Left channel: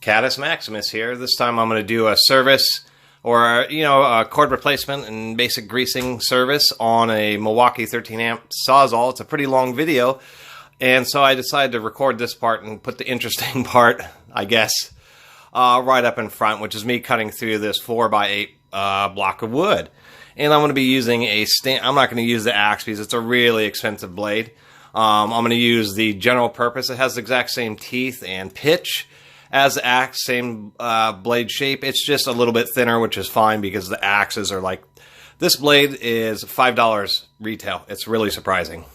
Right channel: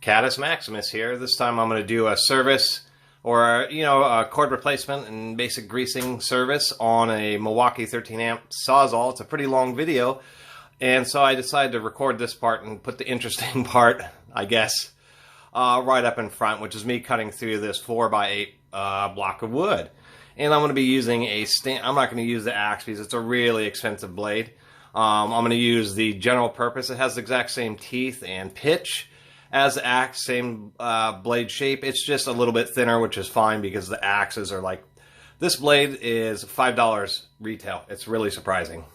Catus Maximus here. This time I'm going to do a service or, a cord replacement and basic greasing service on a Milwaukee 13 amp Sawzall. It's a pretty long video, and so I decided to record this part and put the interesting part, I guess, right up in front, which is me cutting through this 4x8 block of wood. And I'm going to be using I'm not going to use the axe because it's a really expensive blade. I'm going to use the general purpose. It has the exact same teeth and pitch as the axe, same blade shape. It's just a little bit thinner, which is fine because the axes are like, this blade is $5 retail. It's really surprising.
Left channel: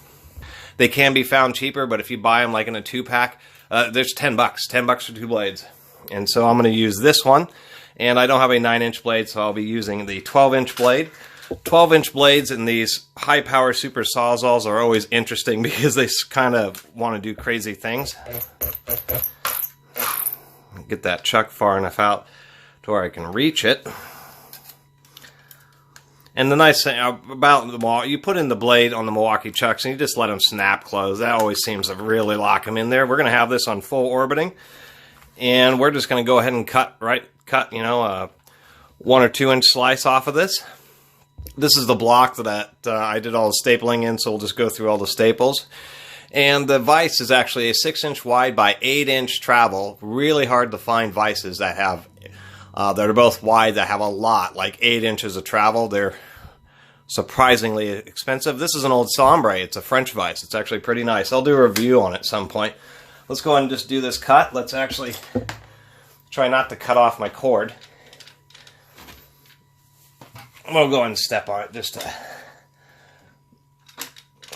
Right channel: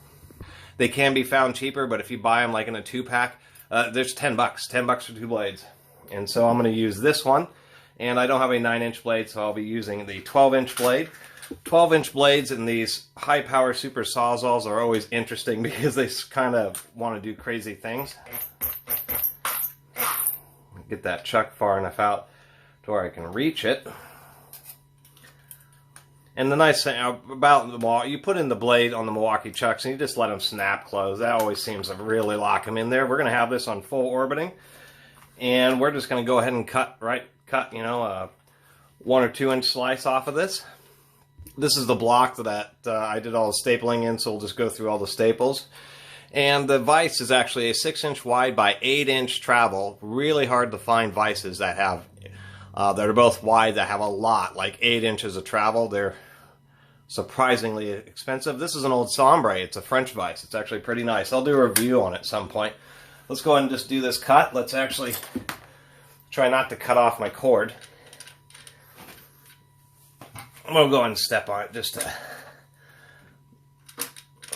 They can be found cheaper, but if you buy them like in a 2-pack, there's $10, $10 for 2 blades. And so I'm going to use this one, and I don't have a 9-inch blade, so I'll be using the 12-inch blade. 12-inch blades in these high-power super Sawzalls are always interesting because they kind of want to do crazy things. Get that chuck far enough out to where I can reach it. And the nice thing about the you put in the blade on the Milwaukee chucks and you just let them snap close. That always seems to really lock them in there. We're going to have this on full orbiting, and we're just going to go ahead and cut a 1 or 2 inch slice off of this. This is the block that I did all the stapling in, so we'll just go through all the staples. And the vise is actually a 6-inch wide by 8-inch travel. Really hard to find vices that have that are both wide, that have a lot, like 8 inches of travel. They're surprisingly expensive. This is an old Sombre. It's a French vise. It's actually pretty nice. I'll do a review on it at some point. Let's go ahead and just do this cut. Let's actually try not to cut off my cord. I'm going to go ahead and step on it just to...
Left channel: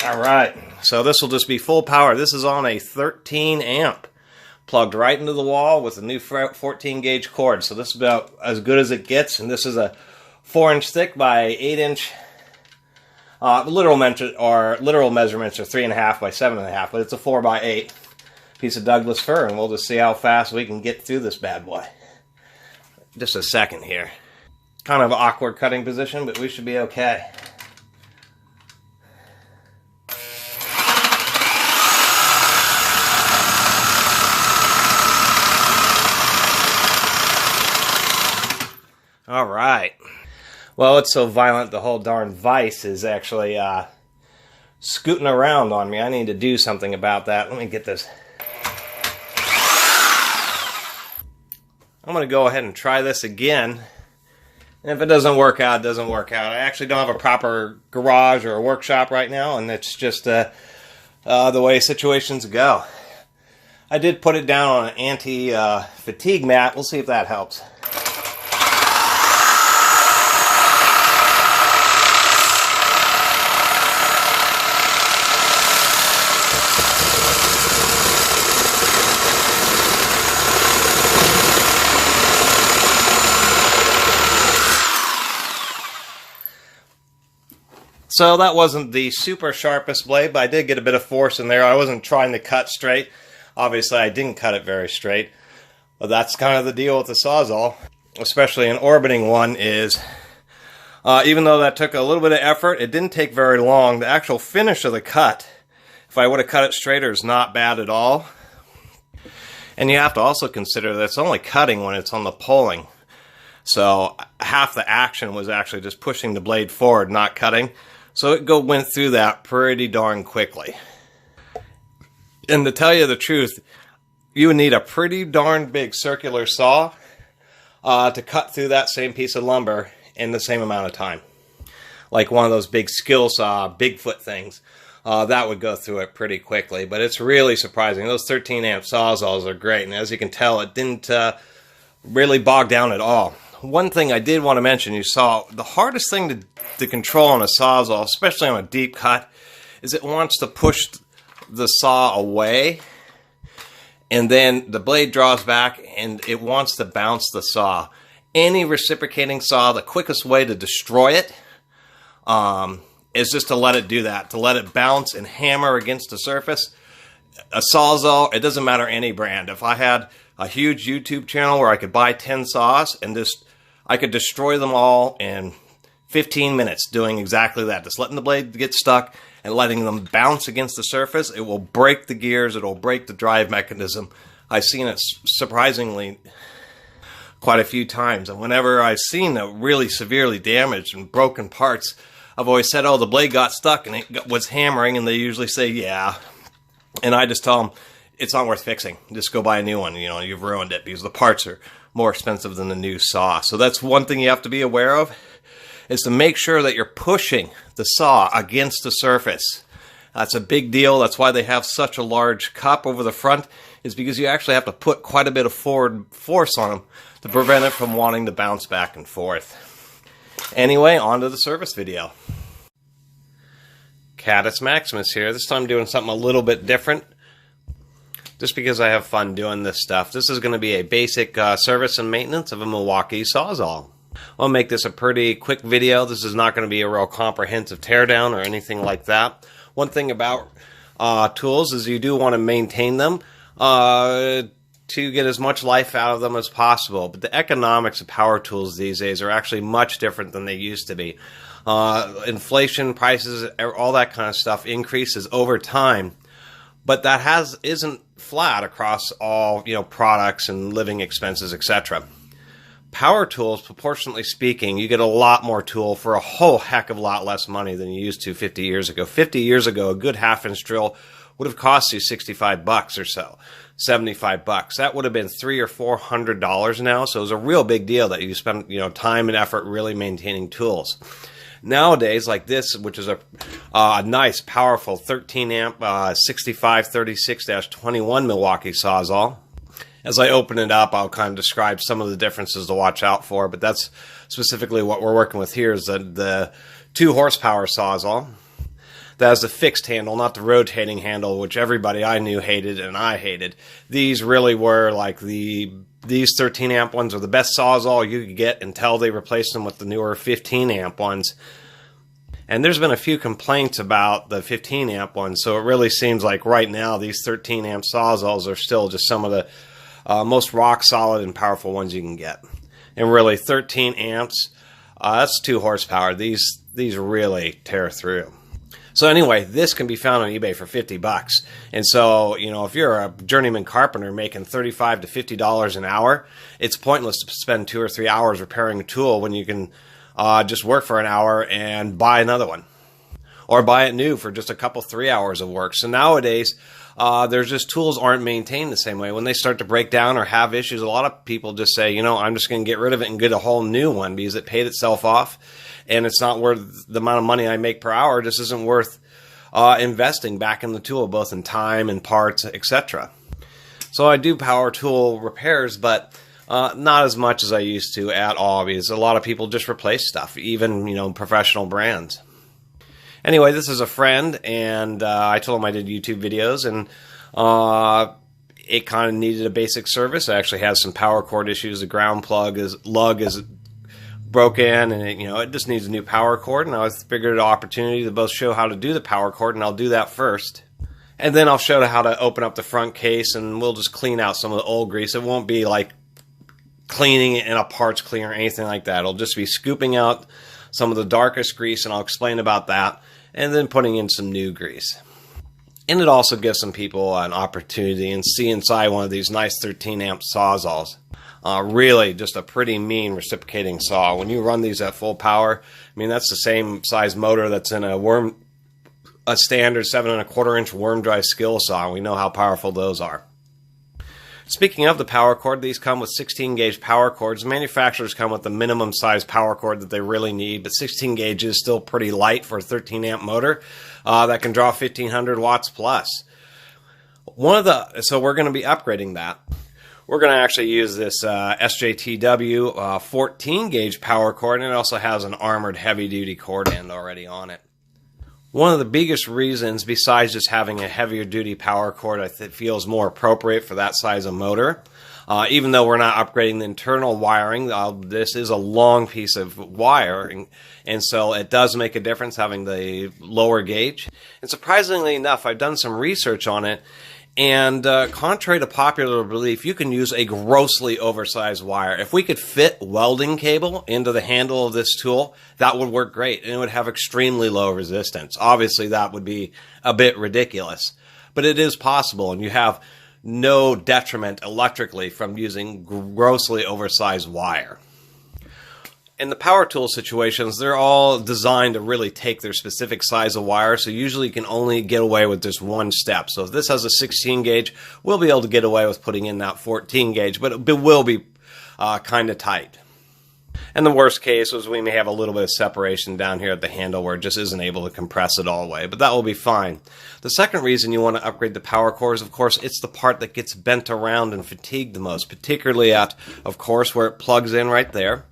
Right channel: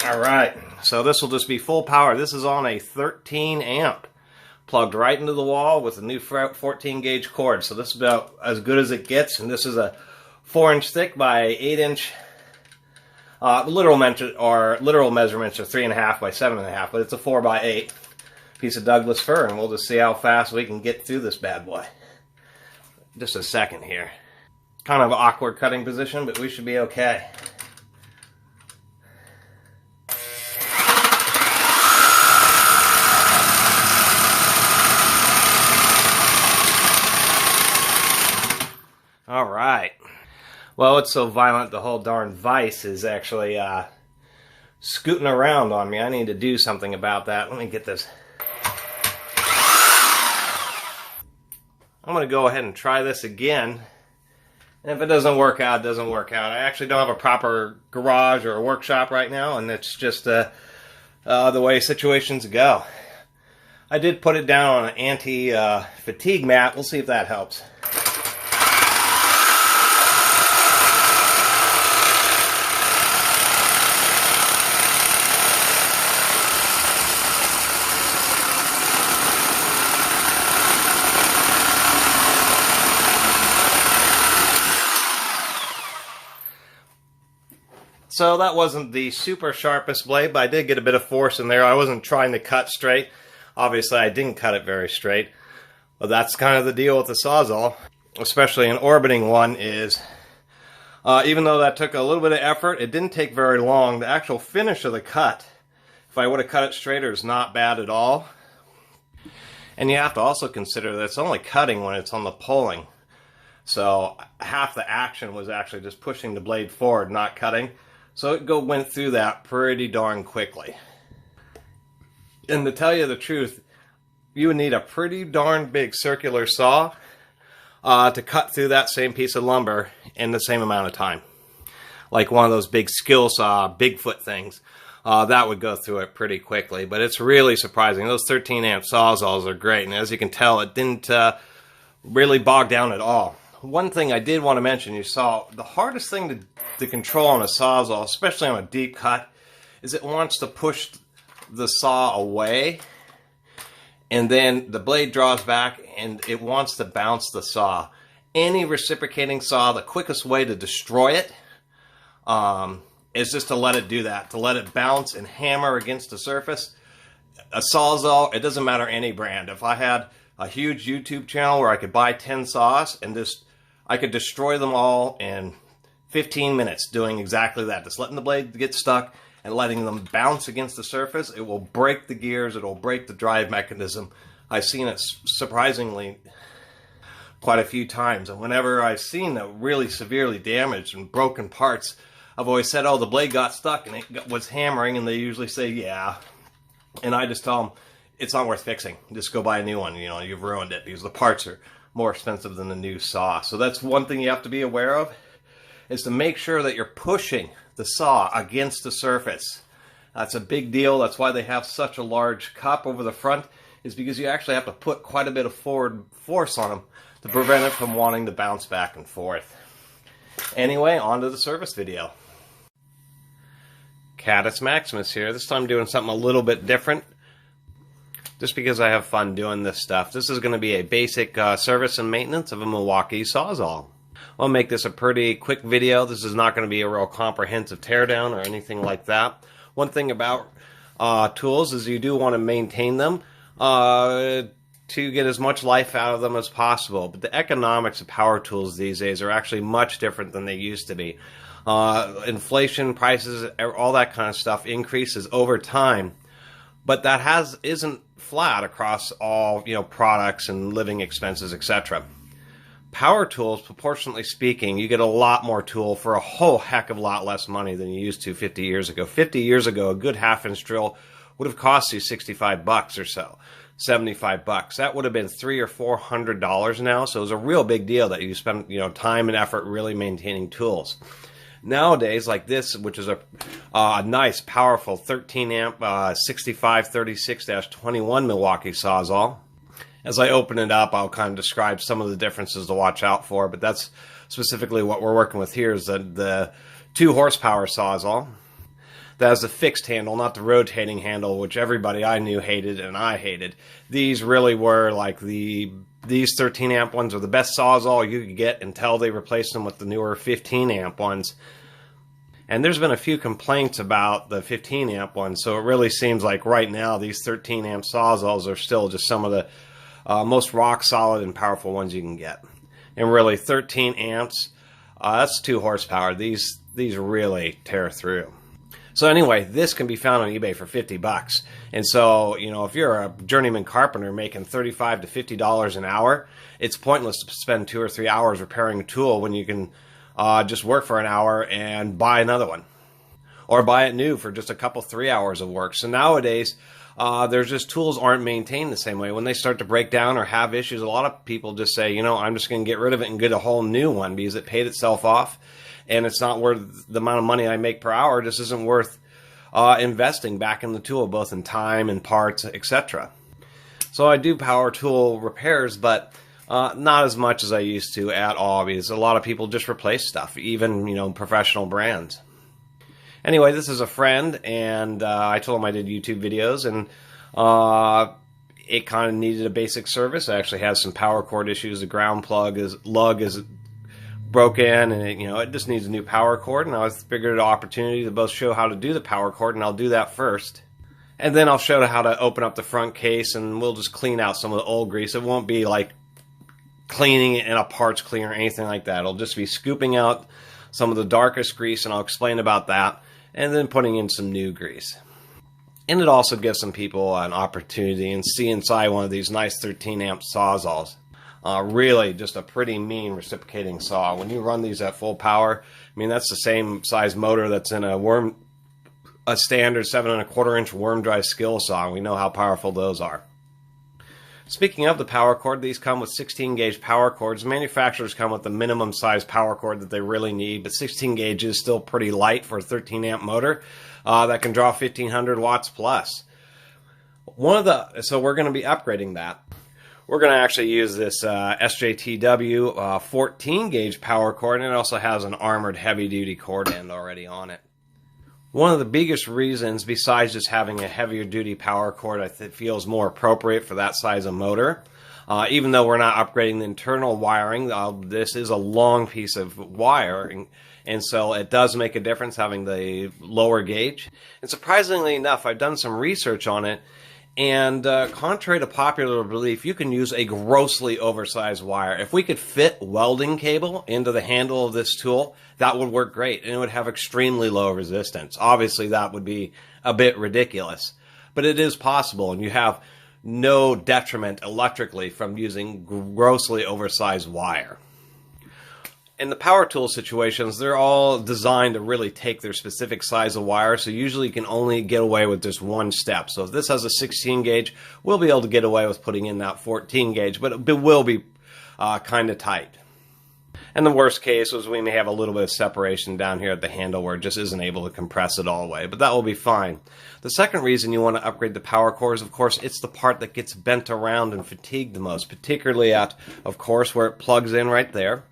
Alright, so this will just be full power. This is on a 13 amp, plugged right into the wall with a new 14 gauge cord. So this is about as good as it gets, and this is a 4-inch thick by 8-inch. Literal measurements are 3.5 by 7.5, but it's a 4x8 piece of Douglas fir, and we'll just see how fast we can get through this bad boy. Just a second here. Kind of awkward cutting position, but we should be okay. All right. Well, it's so violent, the whole darn vise is actually scooting around on me. I need to do something about that. Let me get this. I'm going to go ahead and try this again. And if it doesn't work out, it doesn't work out. I actually don't have a proper garage or a workshop right now, and it's just the way situations go. I did put it down on an anti-fatigue mat. We'll see if that helps. So that wasn't the super sharpest blade, but I did get a bit of force in there. I wasn't trying to cut straight. Obviously, I didn't cut it very straight. But that's kind of the deal with the Sawzall, especially an orbiting one, is even though that took a little bit of effort, it didn't take very long. The actual finish of the cut, if I would have cut it straighter, is not bad at all. And you have to also consider that it's only cutting when it's on the pulling. So half the action was actually just pushing the blade forward, not cutting. So it went through that pretty darn quickly. And to tell you the truth, you would need a pretty darn big circular saw to cut through that same piece of lumber in the same amount of time. Like one of those big skill saw, Bigfoot things. That would go through it pretty quickly. But it's really surprising. Those 13 amp Sawzalls are great. And as you can tell, it didn't really bog down at all. One thing I did want to mention, you saw, the hardest thing to control on a Sawzall, especially on a deep cut, is it wants to push the saw away, and then the blade draws back, and it wants to bounce the saw. Any reciprocating saw, the quickest way to destroy it is just to let it do that, to let it bounce and hammer against the surface. A Sawzall, it doesn't matter any brand. If I had a huge YouTube channel where I could buy 10 saws and I could destroy them all in 15 minutes doing exactly that. Just letting the blade get stuck and letting them bounce against the surface. It will break the gears. It will break the drive mechanism I've seen it surprisingly quite a few times. And whenever I've seen a really severely damaged and broken parts, I've always said, oh, the blade got stuck and it was hammering, and they usually say, yeah. And I just tell them, it's not worth fixing. Just go buy a new one. You know, you've ruined it, because the parts are more expensive than the new saw. So that's one thing you have to be aware of, is to make sure that you're pushing the saw against the surface. That's a big deal. That's why they have such a large cup over the front, is because you actually have to put quite a bit of forward force on them to prevent it from wanting to bounce back and forth. Anyway, on to the service video. Catus Maximus here. This time doing something a little bit different, just because I have fun doing this stuff. This is going to be a basic service and maintenance of a Milwaukee Sawzall. I'll make this a pretty quick video. This is not going to be a real comprehensive teardown or anything like that. One thing about tools is you do want to maintain them to get as much life out of them as possible. But the economics of power tools these days are actually much different than they used to be. Inflation, prices, all that kind of stuff increases over time. But that isn't flat across all, you know, products and living expenses, etc. Power tools, proportionately speaking, you get a lot more tool for a whole heck of a lot less money than you used to 50 years ago. 50 years ago, a good half-inch drill would have cost you 65 bucks or so, 75 bucks. That would have been $300 or $400 now, so it was a real big deal that you spend, you know, time and effort really maintaining tools. Nowadays, like this, which is a nice, powerful 13 amp 6536-21 Milwaukee Sawzall. As I open it up, I'll kind of describe some of the differences to watch out for, but that's specifically what we're working with here, is the 2 horsepower Sawzall. That has the fixed handle, not the rotating handle, which everybody I knew hated and I hated. These really were like these 13 amp ones are the best Sawzall you could get until they replaced them with the newer 15 amp ones. And there's been a few complaints about the 15 amp ones, so it really seems like right now these 13 amp Sawzalls are still just some of the most rock solid and powerful ones you can get. And really 13 amps, that's 2 horsepower. These really tear through. So anyway, this can be found on eBay for 50 bucks. And so, you know, if you're a journeyman carpenter making $35 to $50 an hour, it's pointless to spend 2 or 3 hours repairing a tool when you can just work for an hour and buy another one. Or buy it new for just a couple, 3 hours of work. So nowadays, there's just tools aren't maintained the same way. When they start to break down or have issues, a lot of people just say, you know, I'm just going to get rid of it and get a whole new one because it paid itself off. And it's not worth the amount of money I make per hour. It just isn't worth investing back in the tool, both in time and parts, etc. So I do power tool repairs, but not as much as I used to at all, because a lot of people just replace stuff, even, you know, professional brands. Anyway, this is a friend, and I told him I did YouTube videos, and it kind of needed a basic service. It actually has some power cord issues. The ground lug is broken, and it just needs a new power cord. And I figured an opportunity to both show how to do the power cord, and I'll do that first. And then I'll show how to open up the front case, and we'll just clean out some of the old grease. It won't be like cleaning it in a parts cleaner or anything like that. It'll just be scooping out some of the darkest grease, and I'll explain about that, and then putting in some new grease. And it also gives some people an opportunity and see inside one of these nice 13 amp Sawzalls. Really just a pretty mean reciprocating saw. When you run these at full power, I mean, that's the same size motor that's in a standard 7 1/4 inch worm drive skill saw. We know how powerful those are. Speaking of the power cord, these come with 16 gauge power cords. Manufacturers come with the minimum size power cord that they really need, but 16 gauge is still pretty light for a 13 amp motor that can draw 1500 watts plus. So we're going to be upgrading that. We're going to actually use this SJTW 14 gauge power cord, and it also has an armored heavy duty cord end already on it. One of the biggest reasons, besides just having a heavier duty power cord, I feel is more appropriate for that size of motor. Even though we're not upgrading the internal wiring, this is a long piece of wire, and so it does make a difference having the lower gauge. And surprisingly enough, I've done some research on it, and contrary to popular belief, you can use a grossly oversized wire. If we could fit welding cable into the handle of this tool, that would work great, and it would have extremely low resistance. Obviously, that would be a bit ridiculous, but it is possible, and you have no detriment electrically from using grossly oversized wire. In the power tool situations, they're all designed to really take their specific size of wire, so usually you can only get away with just one step. So if this has a 16 gauge, we'll be able to get away with putting in that 14 gauge, but it will be kind of tight. And the worst case is we may have a little bit of separation down here at the handle where it just isn't able to compress it all the way, but that will be fine. The second reason you want to upgrade the power core is, of course, it's the part that gets bent around and fatigued the most, particularly at, of course, where it plugs in right there.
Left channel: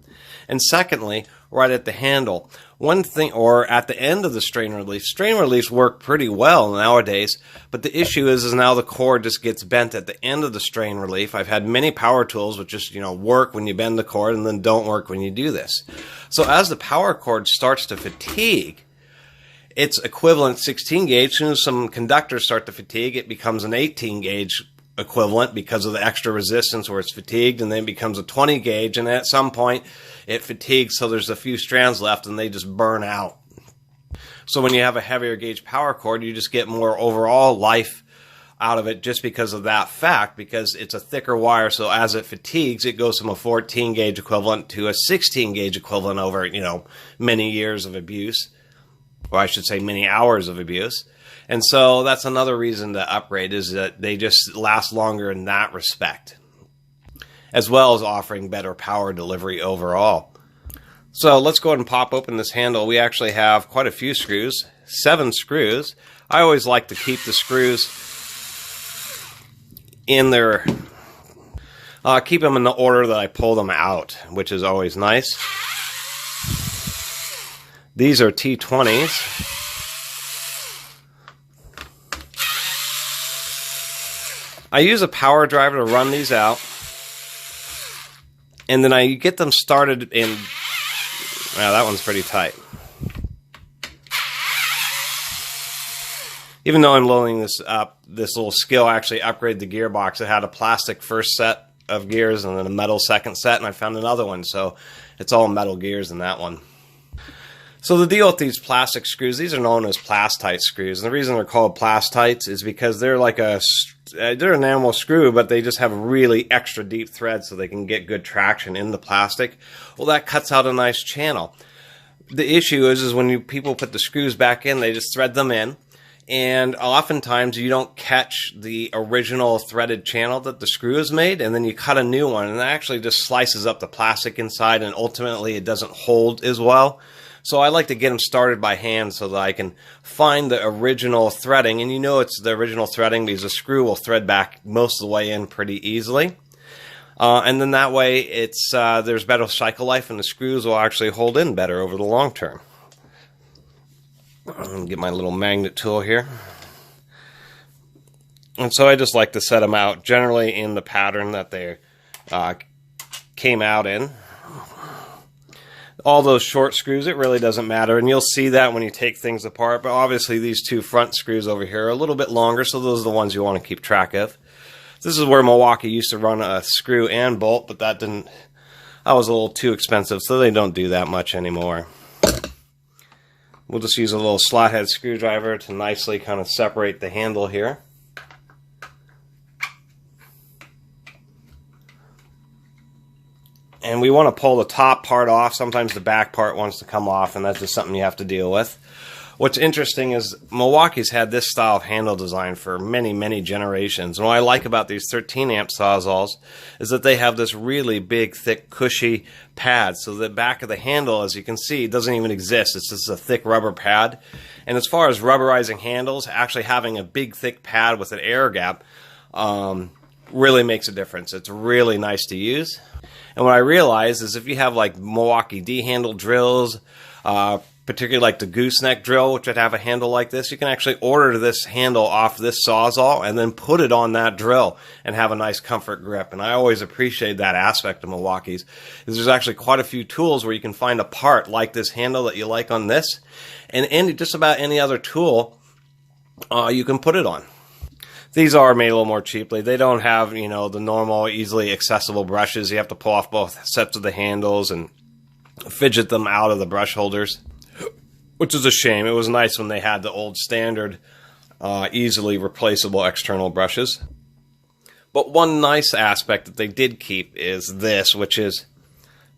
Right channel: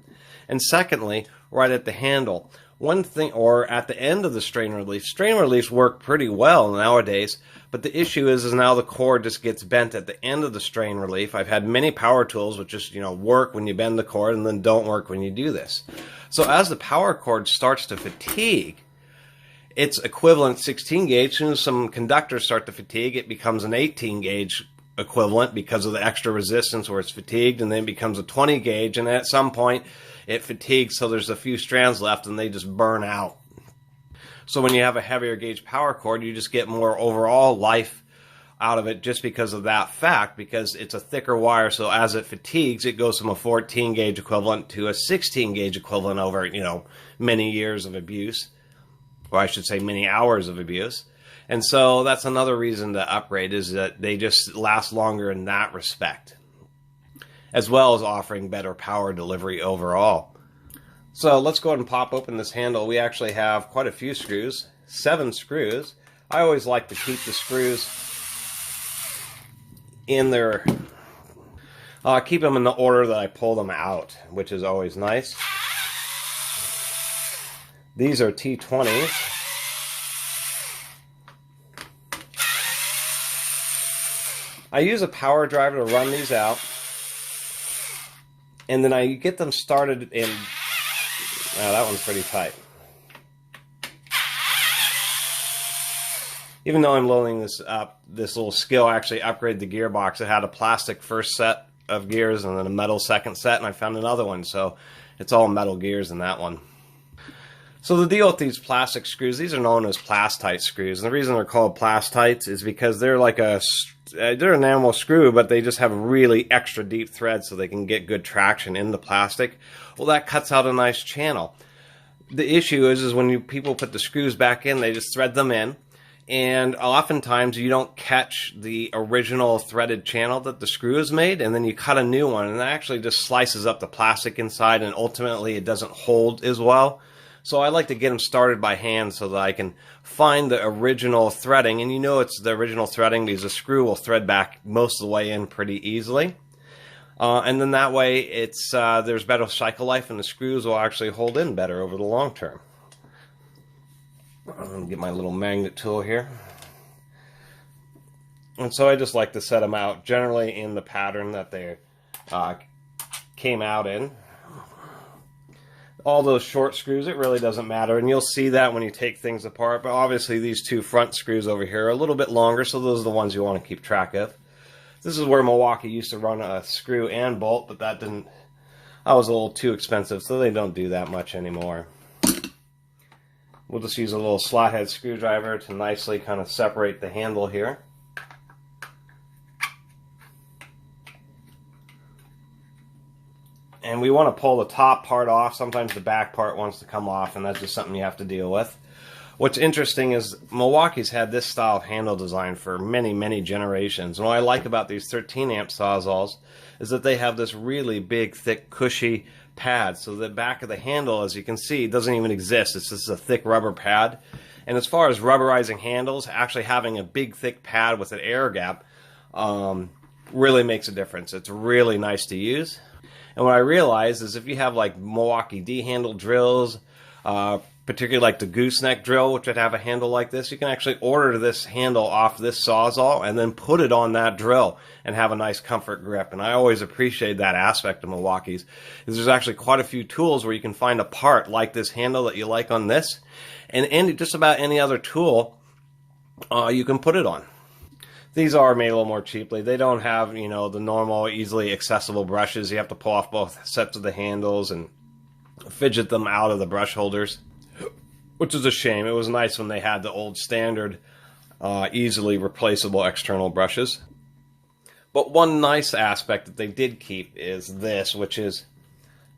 And secondly, right at the handle. One thing, or at the end of the strain relief. Strain reliefs work pretty well nowadays, but the issue is now the core just gets bent at the end of the strain relief. I've had many power tools which just, work when you bend the cord and then don't work when you do this. So as the power cord starts to fatigue, its equivalent 16 gauge, as soon as some conductors start to fatigue, it becomes an 18 gauge equivalent because of the extra resistance where it's fatigued, and then it becomes a 20 gauge, and at some point it fatigues so there's a few strands left and they just burn out. So when you have a heavier gauge power cord, you just get more overall life out of it just because of that fact, because it's a thicker wire, so as it fatigues, it goes from a 14 gauge equivalent to a 16 gauge equivalent over, many years of abuse, or I should say many hours of abuse. And so that's another reason to upgrade, is that they just last longer in that respect, as well as offering better power delivery overall. So let's go ahead and pop open this handle. We actually have quite a few screws, 7 screws. I always like to keep the screws in their, keep them in the order that I pull them out, which is always nice. These are T20s. I use a power driver to run these out, and then I get them started in, wow, that one's pretty tight. Even though I'm loading this up, this little skill actually upgraded the gearbox. It had a plastic first set of gears and then a metal second set, and I found another one, so it's all metal gears in that one. So the deal with these plastic screws, these are known as plastite screws, and the reason they're called plastites is because they're like they're an enamel screw, but they just have really extra deep threads so they can get good traction in the plastic. Well, that cuts out a nice channel. The issue is when people put the screws back in, they just thread them in, and oftentimes you don't catch the original threaded channel that the screw is made, and then you cut a new one, and that actually just slices up the plastic inside, and ultimately it doesn't hold as well. So I like to get them started by hand so that I can find the original threading, and it's the original threading because the screw will thread back most of the way in pretty easily. And then that way it's there's better cycle life, and the screws will actually hold in better over the long term. I'm going to get my little magnet tool here. And so I just like to set them out generally in the pattern that they came out in. All those short screws, it really doesn't matter, and you'll see that when you take things apart, but obviously these 2 front screws over here are a little bit longer, so those are the ones you want to keep track of. This is where Milwaukee used to run a screw and bolt, but that was a little too expensive, so they don't do that much anymore. We'll just use a little slot head screwdriver to nicely kind of separate the handle here. And we want to pull the top part off. Sometimes the back part wants to come off, and that's just something you have to deal with. What's interesting is Milwaukee's had this style of handle design for many, many generations. And what I like about these 13 amp Sawzalls is that they have this really big, thick, cushy pad. So the back of the handle, as you can see, doesn't even exist. It's just a thick rubber pad. And as far as rubberizing handles, actually having a big, thick pad with an air gap really makes a difference. It's really nice to use. And what I realized is if you have like Milwaukee D-handle drills, particularly like the gooseneck drill, which would have a handle like this, you can actually order this handle off this Sawzall and then put it on that drill and have a nice comfort grip. And I always appreciate that aspect of Milwaukee's, is there's actually quite a few tools where you can find a part like this handle that you like on this, and just about any other tool you can put it on. These are made a little more cheaply. They don't have, the normal, easily accessible brushes. You have to pull off both sets of the handles and fidget them out of the brush holders, which is a shame. It was nice when they had the old standard, easily replaceable external brushes. But one nice aspect that they did keep is this, which is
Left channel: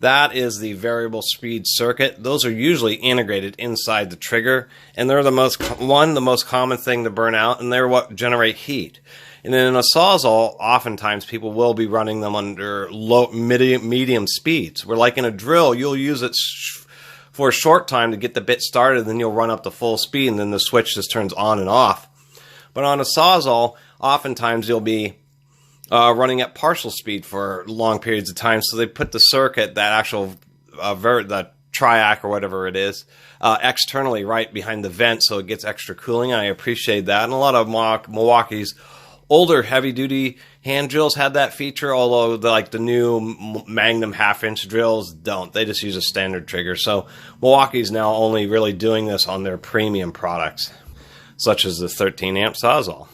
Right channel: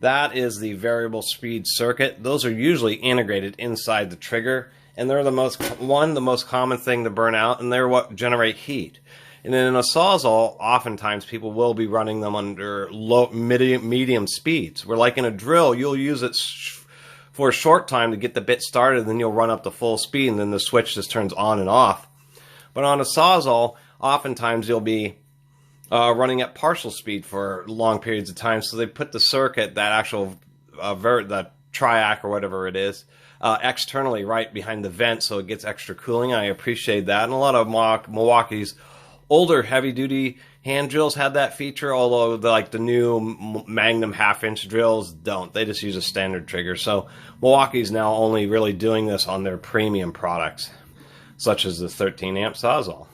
that is the variable speed circuit. Those are usually integrated inside the trigger, and they're the most common thing to burn out, and they're what generate heat. And then in a Sawzall, oftentimes people will be running them under medium speeds. Where like in a drill, you'll use it for a short time to get the bit started, then you'll run up to full speed, and then the switch just turns on and off. But on a Sawzall, oftentimes you'll be running at partial speed for long periods of time. So they put the circuit, that actual the triac or whatever it is, externally right behind the vent, so it gets extra cooling. And I appreciate that. And a lot of Milwaukee's older heavy-duty hand drills had that feature, although the new Magnum half-inch drills don't. They just use a standard trigger. So Milwaukee's now only really doing this on their premium products, such as the 13-amp Sawzall.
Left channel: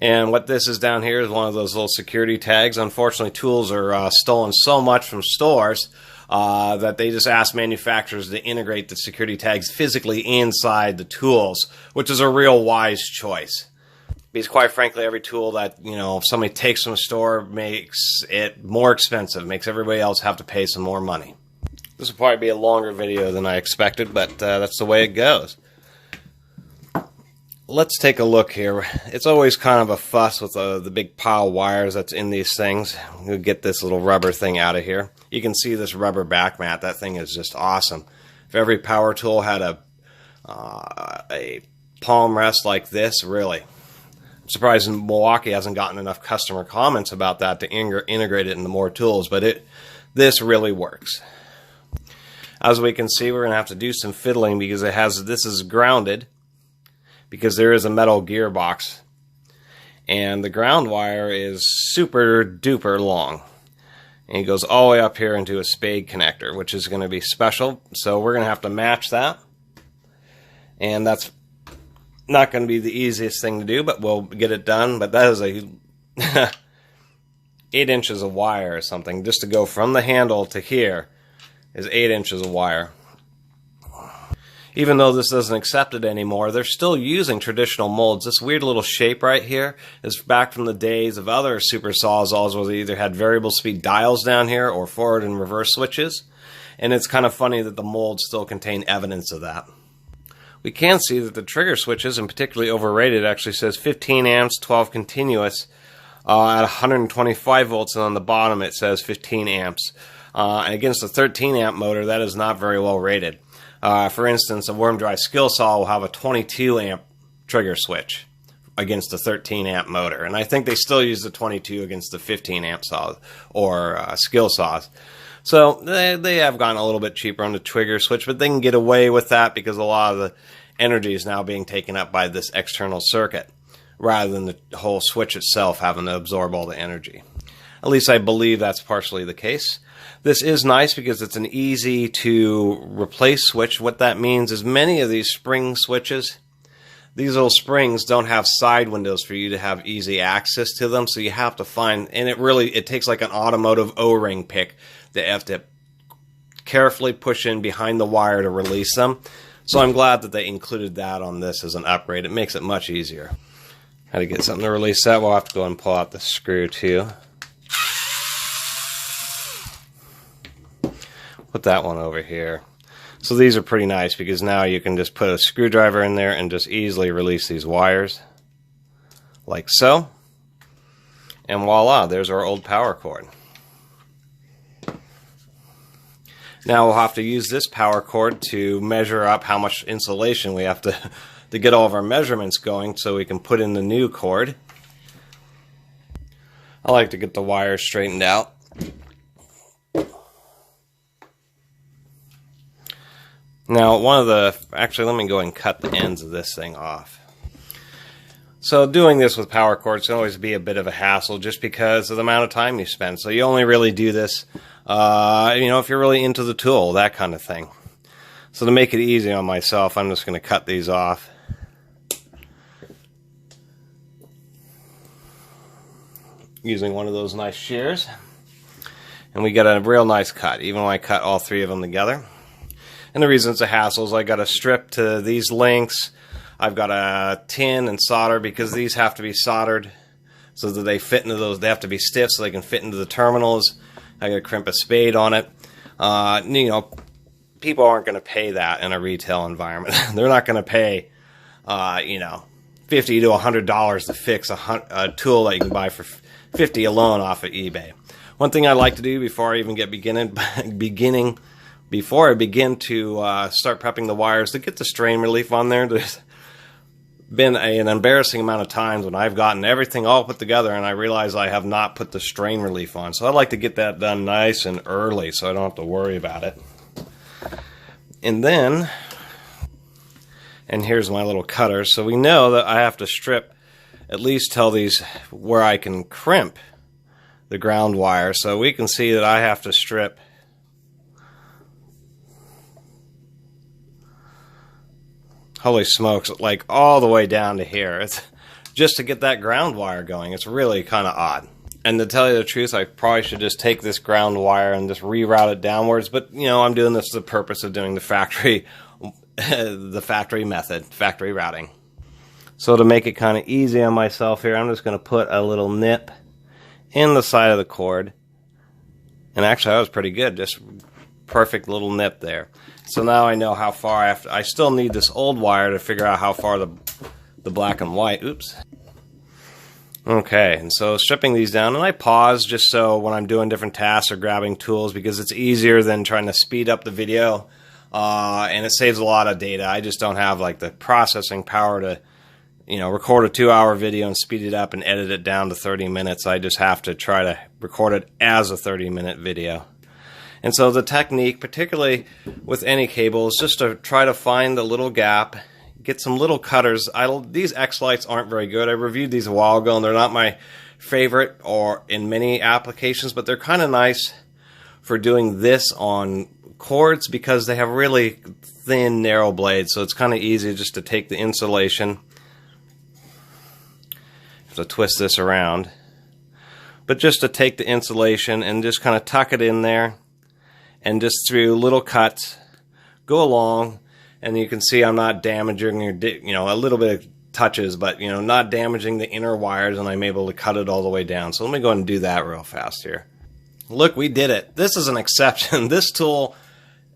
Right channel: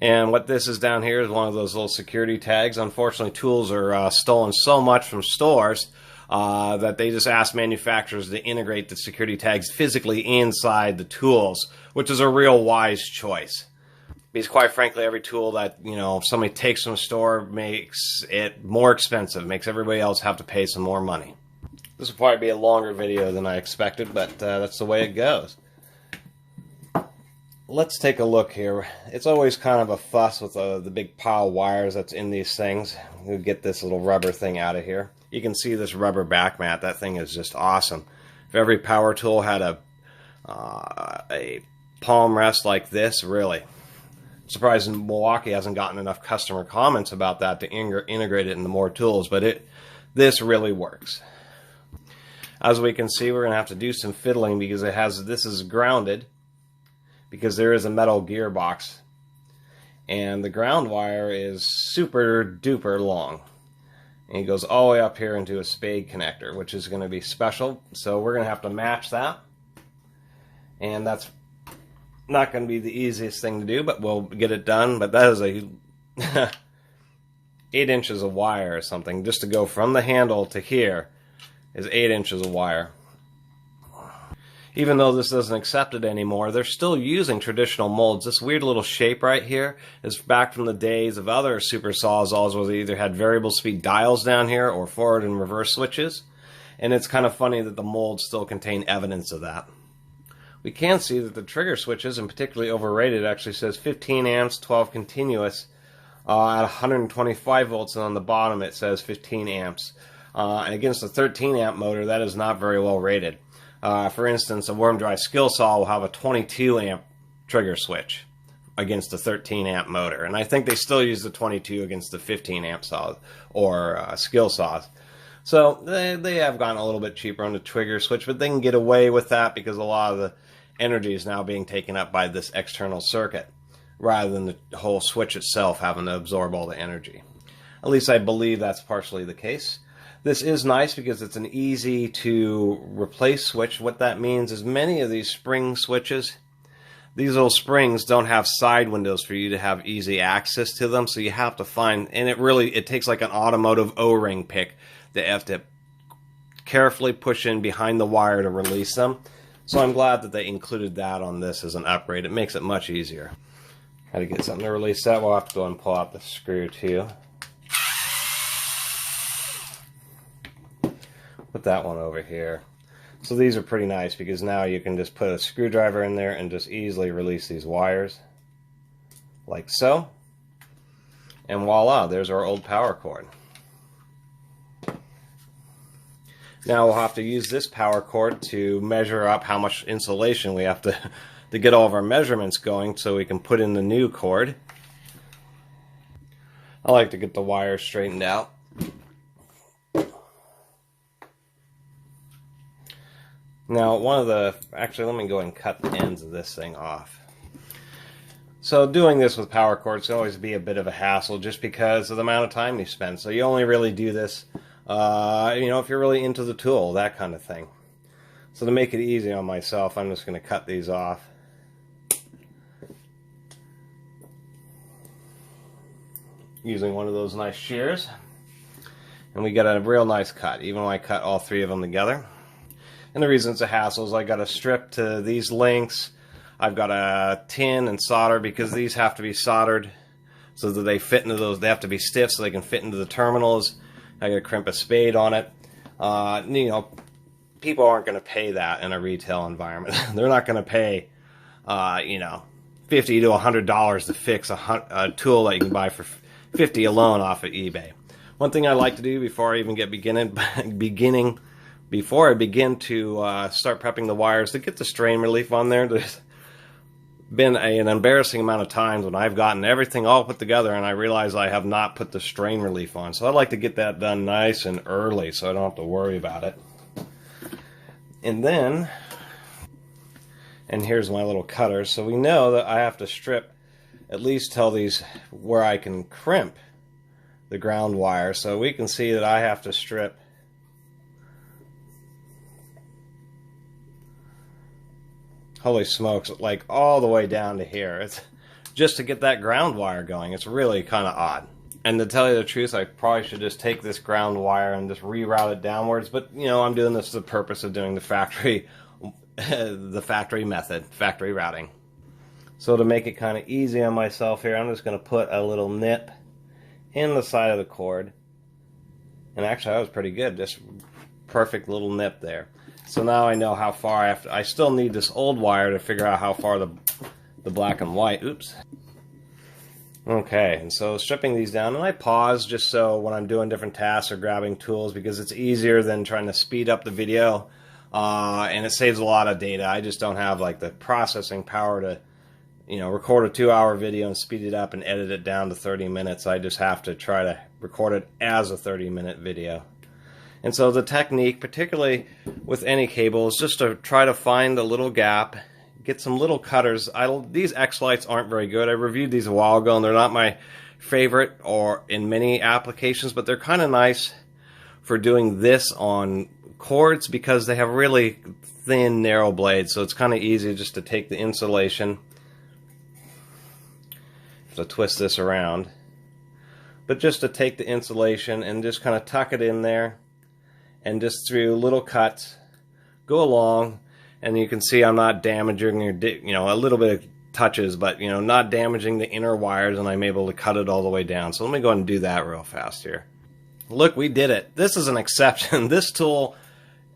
And what this is down here is one of those little security tags. Unfortunately, tools are stolen so much from stores that they just ask manufacturers to integrate the security tags physically inside the tools, which is a real wise choice. Because quite frankly, every tool that, if somebody takes from the store makes it more expensive, makes everybody else have to pay some more money. This will probably be a longer video than I expected, but that's the way it goes. Let's take a look here. It's always kind of a fuss with the big pile of wires that's in these things. We'll get this little rubber thing out of here. You can see this rubber back mat. That thing is just awesome. If every power tool had a palm rest like this, really. I'm surprised Milwaukee hasn't gotten enough customer comments about that to integrate it into more tools, but this really works. As we can see, we're going to have to do some fiddling because this is grounded, because there is a metal gearbox, and the ground wire is super duper long, and it goes all the way up here into a spade connector, which is going to be special. So we're going to have to match that, and that's not going to be the easiest thing to do, but we'll get it done. But that is a 8 inches of wire or something. Just to go from the handle to here is 8 inches of wire. Even though this doesn't accept it anymore, they're still using traditional molds. This weird little shape right here is back from the days of other Super Sawzalls, where they either had variable speed dials down here or forward and reverse switches. And it's kind of funny that the molds still contain evidence of that. We can see that the trigger switches, and particularly overrated, actually says 15 amps, 12 continuous at 125 volts, and on the bottom it says 15 amps. And against a 13 amp motor, that is not very well rated. For instance, a worm dry skill saw will have a 22 amp trigger switch against a 13 amp motor, and I think they still use the 22 against the 15 amp saws or skill saws. So they have gone a little bit cheaper on the trigger switch, but they can get away with that because a lot of the energy is now being taken up by this external circuit, rather than the whole switch itself having to absorb all the energy. At least I believe that's partially the case. This is nice because it's an easy to replace switch. What that means is many of these spring switches, these little springs don't have side windows for you to have easy access to them, so you have to find, and it takes like an automotive O-ring pick that you have to carefully push in behind the wire to release them. So I'm glad that they included that on this as an upgrade. It makes it much easier. How to get something to release that? We'll have to go and pull out the screw too. Put that one over here. So these are pretty nice because now you can just put a screwdriver in there and just easily release these wires like so. And voila, there's our old power cord. Now we'll have to use this power cord to measure up how much insulation we have to get all of our measurements going so we can put in the new cord. I like to get the wires straightened out. Now, actually, let me go and cut the ends of this thing off. So doing this with power cords can always be a bit of a hassle just because of the amount of time you spend. So you only really do this, if you're really into the tool, that kind of thing. So to make it easy on myself, I'm just going to cut these off. Using one of those nice shears. And we get a real nice cut, even when I cut all three of them together. And the reason it's a hassle is I got to strip to these lengths. I've got to tin and solder because these have to be soldered so that they fit into those. They have to be stiff so they can fit into the terminals. I gotta crimp a spade on it. You know, people aren't going to pay that in a retail environment. They're not going to pay, you know, $50 to $100 to fix a tool that you can buy for $50 alone off of eBay. One thing I like to do before I even get before I begin to start prepping the wires, to get the strain relief on there. There's been an embarrassing amount of times when I've gotten everything all put together and I realize I have not put the strain relief on. So I like to get that done nice and early so I don't have to worry about it. And then, and here's my little cutter. So we know that I have to strip at least till these where I can crimp the ground wire. So we can see that I have to strip holy smokes, like all the way down to here. It's just to get that ground wire going. It's really kind of odd. And to tell you the truth, I probably should just take this ground wire and just reroute it downwards. But, you know, I'm doing this for the purpose of doing the factory method, factory routing. So to make it kind of easy on myself here, I'm just going to put a little nip in the side of the cord. And actually, that was pretty good. Just perfect little nip there. So now I know how far I have to. I still need this old wire to figure out how far the black and white. Oops. Okay, and so stripping these down, and I pause just so when I'm doing different tasks or grabbing tools, because it's easier than trying to speed up the video, and it saves a lot of data. I just don't have like the processing power to, you know, record a 2-hour video and speed it up and edit it down to 30 minutes. I just have to try to record it as a 30-minute video. And so the technique, particularly with any cable, is just to try to find a little gap, get some little cutters. These X-Lights aren't very good. I reviewed these a while ago, and they're not my favorite or in many applications, but they're kind of nice for doing this on cords because they have really thin, narrow blades, so it's kind of easy just to take the insulation. To twist this around. But just to take the insulation and just kind of tuck it in there, and just through little cuts go along, and you can see I'm not damaging your, you know, a little bit of touches, but, you know, not damaging the inner wires, and I'm able to cut it all the way down. So let me go ahead and do that real fast here. Look, we did it. This is an exception. This tool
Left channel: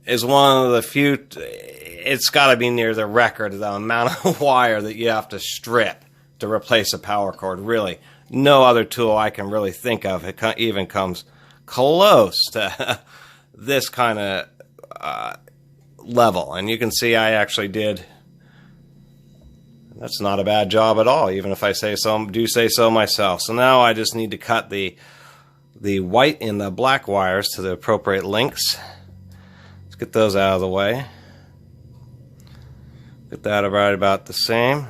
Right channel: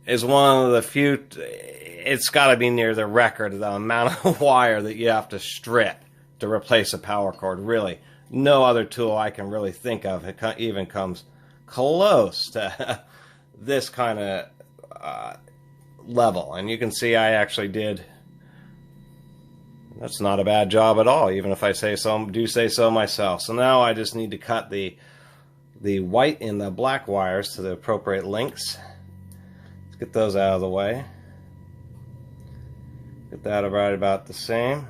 is one of the few, it's got to be near the record, the amount of wire that you have to strip to replace a power cord. Really, no other tool I can really think of even comes close to this kind of level. And you can see I actually did, that's not a bad job at all, even if I do say so myself. So now I just need to cut the white and the black wires to the appropriate lengths. Let's get those out of the way. Get that right about the same.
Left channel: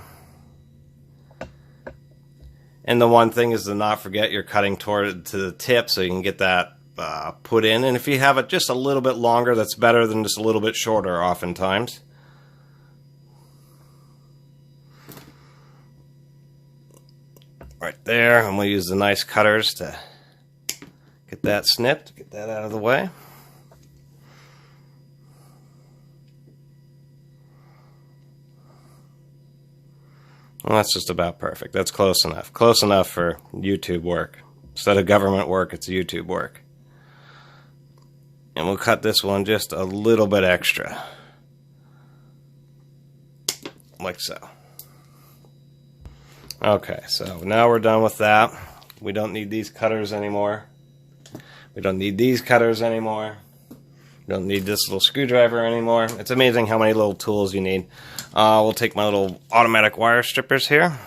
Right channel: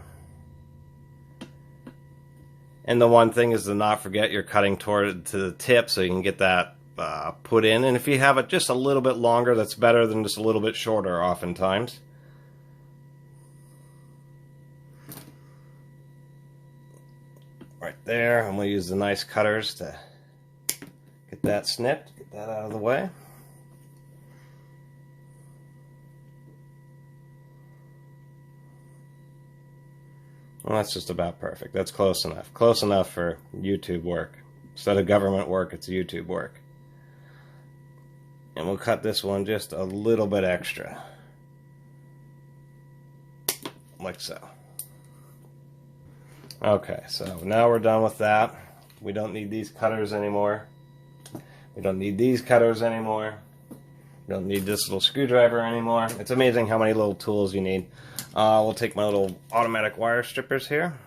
And the one thing is to not forget you're cutting toward to the tip so you can get that put in. And if you have it just a little bit longer, that's better than just a little bit shorter oftentimes. Right there, and we'll use the nice cutters to get that snipped, get that out of the way. Well, that's just about perfect. That's close enough. Close enough for YouTube work. Instead of government work, it's YouTube work. And we'll cut this one just a little bit extra. Like so. Okay, so now we're done with that. We don't need these cutters anymore. We don't need these cutters anymore. We don't need this little screwdriver anymore. It's amazing how many little tools you need. We'll take my little automatic wire strippers here.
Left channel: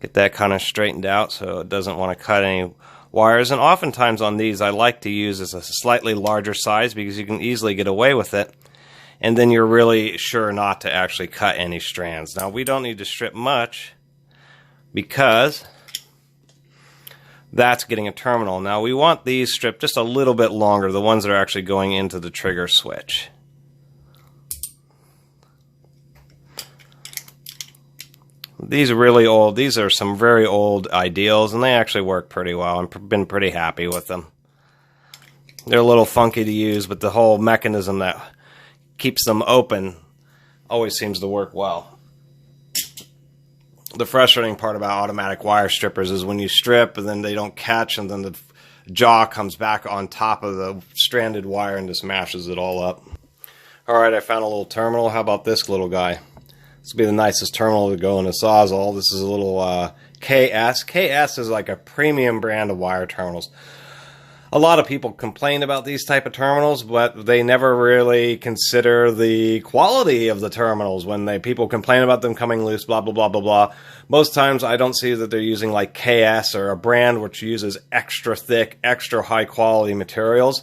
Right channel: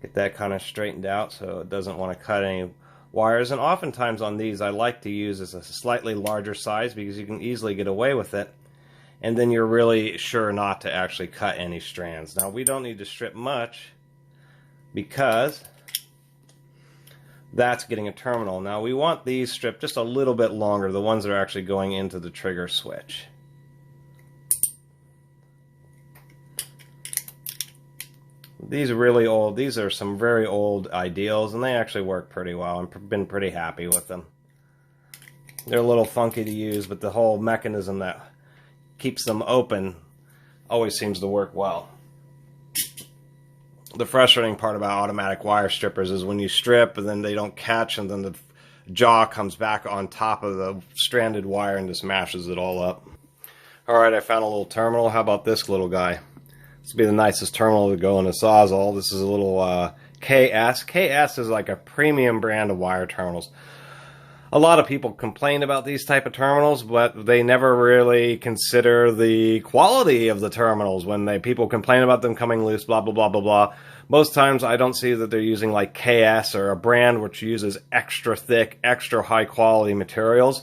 Get that kind of straightened out so it doesn't want to cut any wires. And oftentimes on these I like to use a slightly larger size because you can easily get away with it. And then you're really sure not to actually cut any strands. Now we don't need to strip much because that's getting a terminal. Now we want these stripped just a little bit longer, the ones that are actually going into the trigger switch. These are really old. These are some very old ideals, and they actually work pretty well. I've been pretty happy with them. They're a little funky to use, but the whole mechanism that keeps them open always seems to work well. The frustrating part about automatic wire strippers is when you strip and then they don't catch, and then the jaw comes back on top of the stranded wire and just mashes it all up. Alright, I found a little terminal. How about this little guy? This will be the nicest terminal to go in a Sawzall. This is a little KS. KS is like a premium brand of wire terminals. A lot of people complain about these type of terminals, but they never really consider the quality of the terminals when people complain about them coming loose, blah, blah, blah, blah, blah. Most times I don't see that they're using like KS or a brand which uses extra thick, extra high quality materials.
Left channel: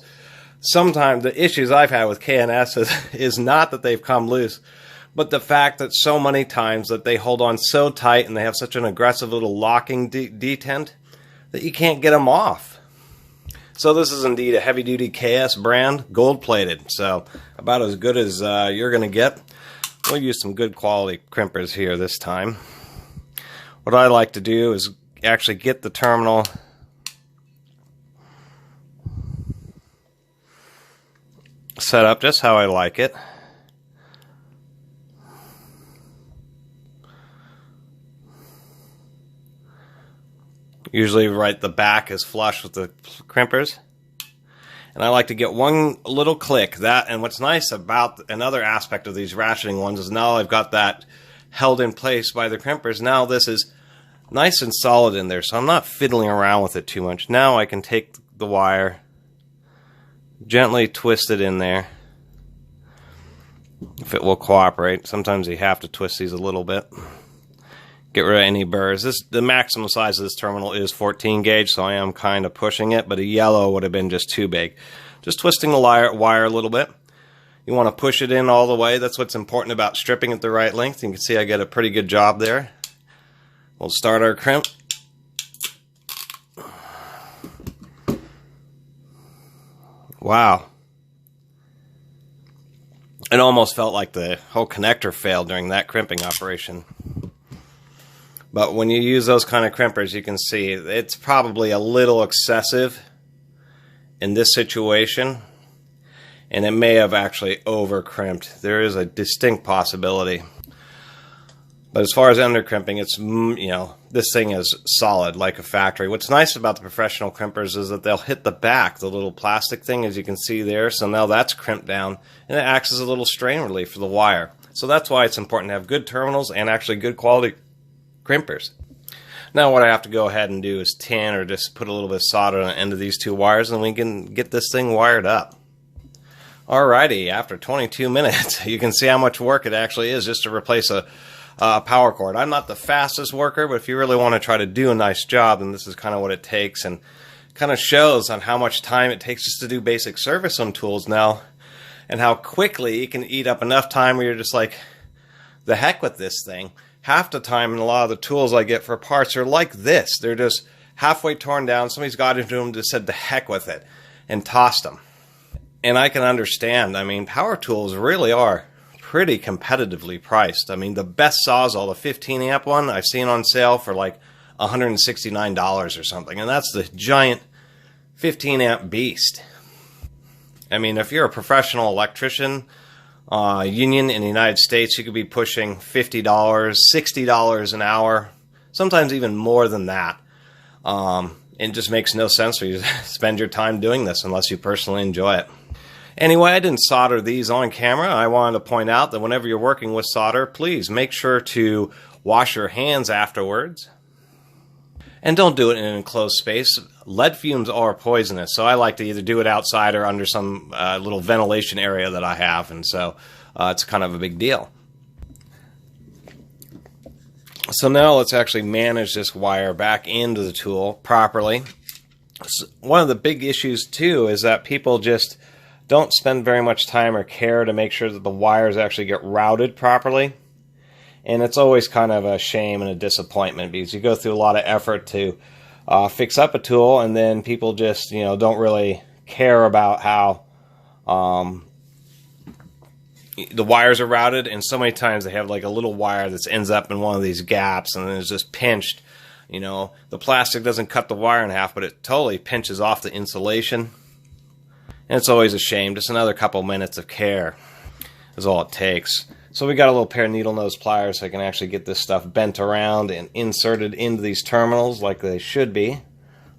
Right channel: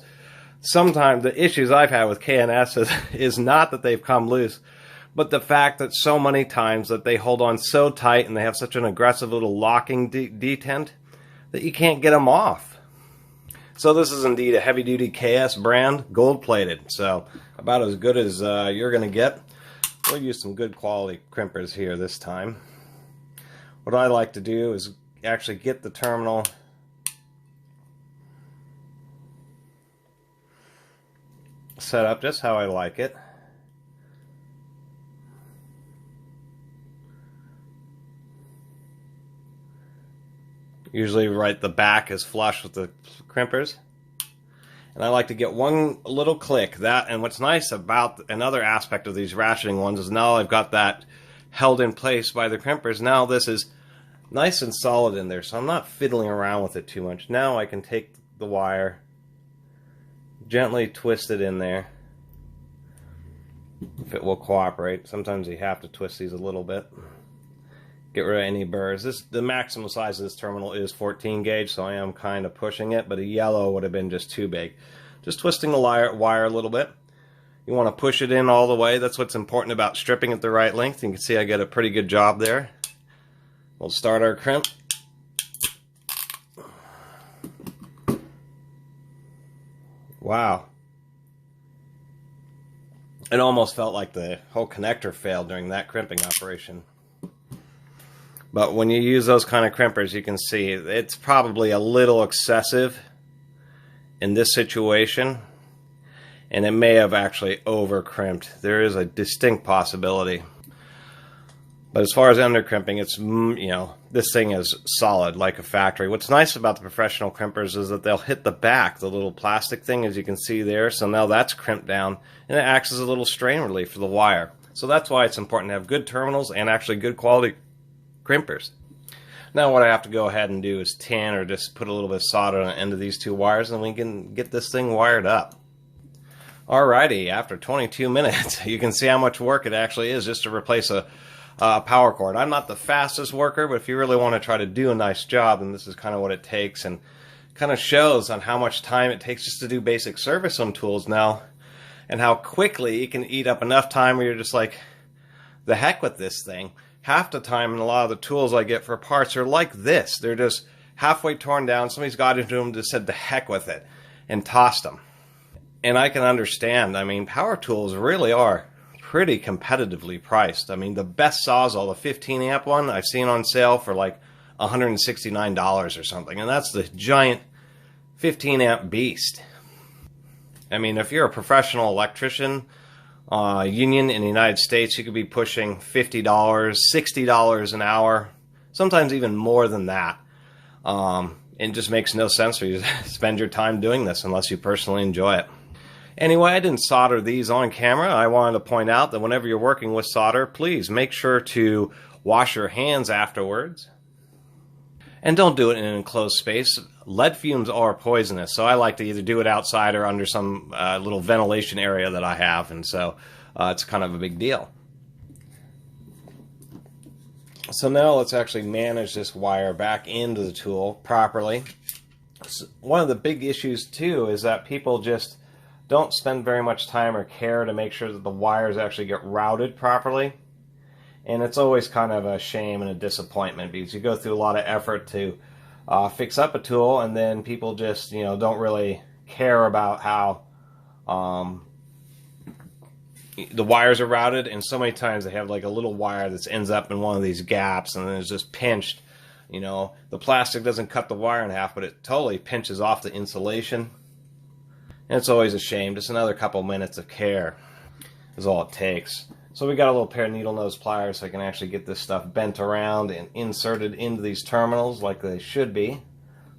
Sometimes the issues I've had with KNS is not that they've come loose, but the fact that so many times that they hold on so tight and they have such an aggressive little locking detent that you can't get them off. So this is indeed a heavy-duty KS brand, gold-plated. So about as good as you're going to get. We'll use some good quality crimpers here this time. What I like to do is actually get the terminal set up just how I like it. Usually right the back is flush with the crimpers. And I like to get one little click. And what's nice about another aspect of these ratcheting ones is now I've got that held in place by the crimpers. Now this is nice and solid in there, so I'm not fiddling around with it too much. Now I can take the wire, gently twist it in there, if it will cooperate. Sometimes you have to twist these a little bit. Get rid of any burrs. The maximum size of this terminal is 14 gauge, so I am kind of pushing it, but a yellow would have been just too big. Just twisting the wire a little bit. You want to push it in all the way. That's what's important about stripping at the right length. You can see I get a pretty good job there. We'll start our crimp. Wow. It almost felt like the whole connector failed during that crimping operation. But when you use those kind of crimpers, you can see it's probably a little excessive in this situation, and it may have actually over crimped. There is a distinct possibility. But as far as under crimping, it's, you know, this thing is solid like a factory. What's nice about the professional crimpers is that they'll hit the back, the little plastic thing, as you can see there. So now that's crimped down, and it acts as a little strain relief for the wire. So that's why it's important to have good terminals and actually good quality crimpers. Now what I have to go ahead and do is tin or just put a little bit of solder on the end of these two wires, and we can get this thing wired up. Alrighty, after 22 minutes, you can see how much work it actually is just to replace a power cord. I'm not the fastest worker, but if you really want to try to do a nice job, then this is kind of what it takes, and kind of shows on how much time it takes just to do basic service on tools now, and how quickly it can eat up enough time where you're just like, the heck with this thing. Half the time, and a lot of the tools I get for parts are like this. They're just halfway torn down. Somebody's got into them and just said the heck with it and tossed them. And I can understand. I mean, power tools really are pretty competitively priced. I mean, the best Sawzall, the 15 amp one, I've seen on sale for like $169 or something. And that's the giant 15 amp beast. I mean, if you're a professional electrician, union in the United States, you could be pushing $50, $60 an hour, sometimes even more than that. It just makes no sense for you to spend your time doing this unless you personally enjoy it. Anyway, I didn't solder these on camera. I wanted to point out that whenever you're working with solder, please make sure to wash your hands afterwards. And don't do it in an enclosed space. Lead fumes are poisonous, so I like to either do it outside or under some little ventilation area that I have, and so it's kind of a big deal. So now let's actually manage this wire back into the tool properly. So one of the big issues too is that people just don't spend very much time or care to make sure that the wires actually get routed properly. And it's always kind of a shame and a disappointment because you go through a lot of effort to fix up a tool, and then people just, you know, don't really care about how the wires are routed. And so many times they have like a little wire that ends up in one of these gaps, and then it's just pinched. You know, the plastic doesn't cut the wire in half, but it totally pinches off the insulation. And it's always a shame. Just another couple minutes of care is all it takes. So we got a little pair of needle nose pliers so I can actually get this stuff bent around and inserted into these terminals like they should be.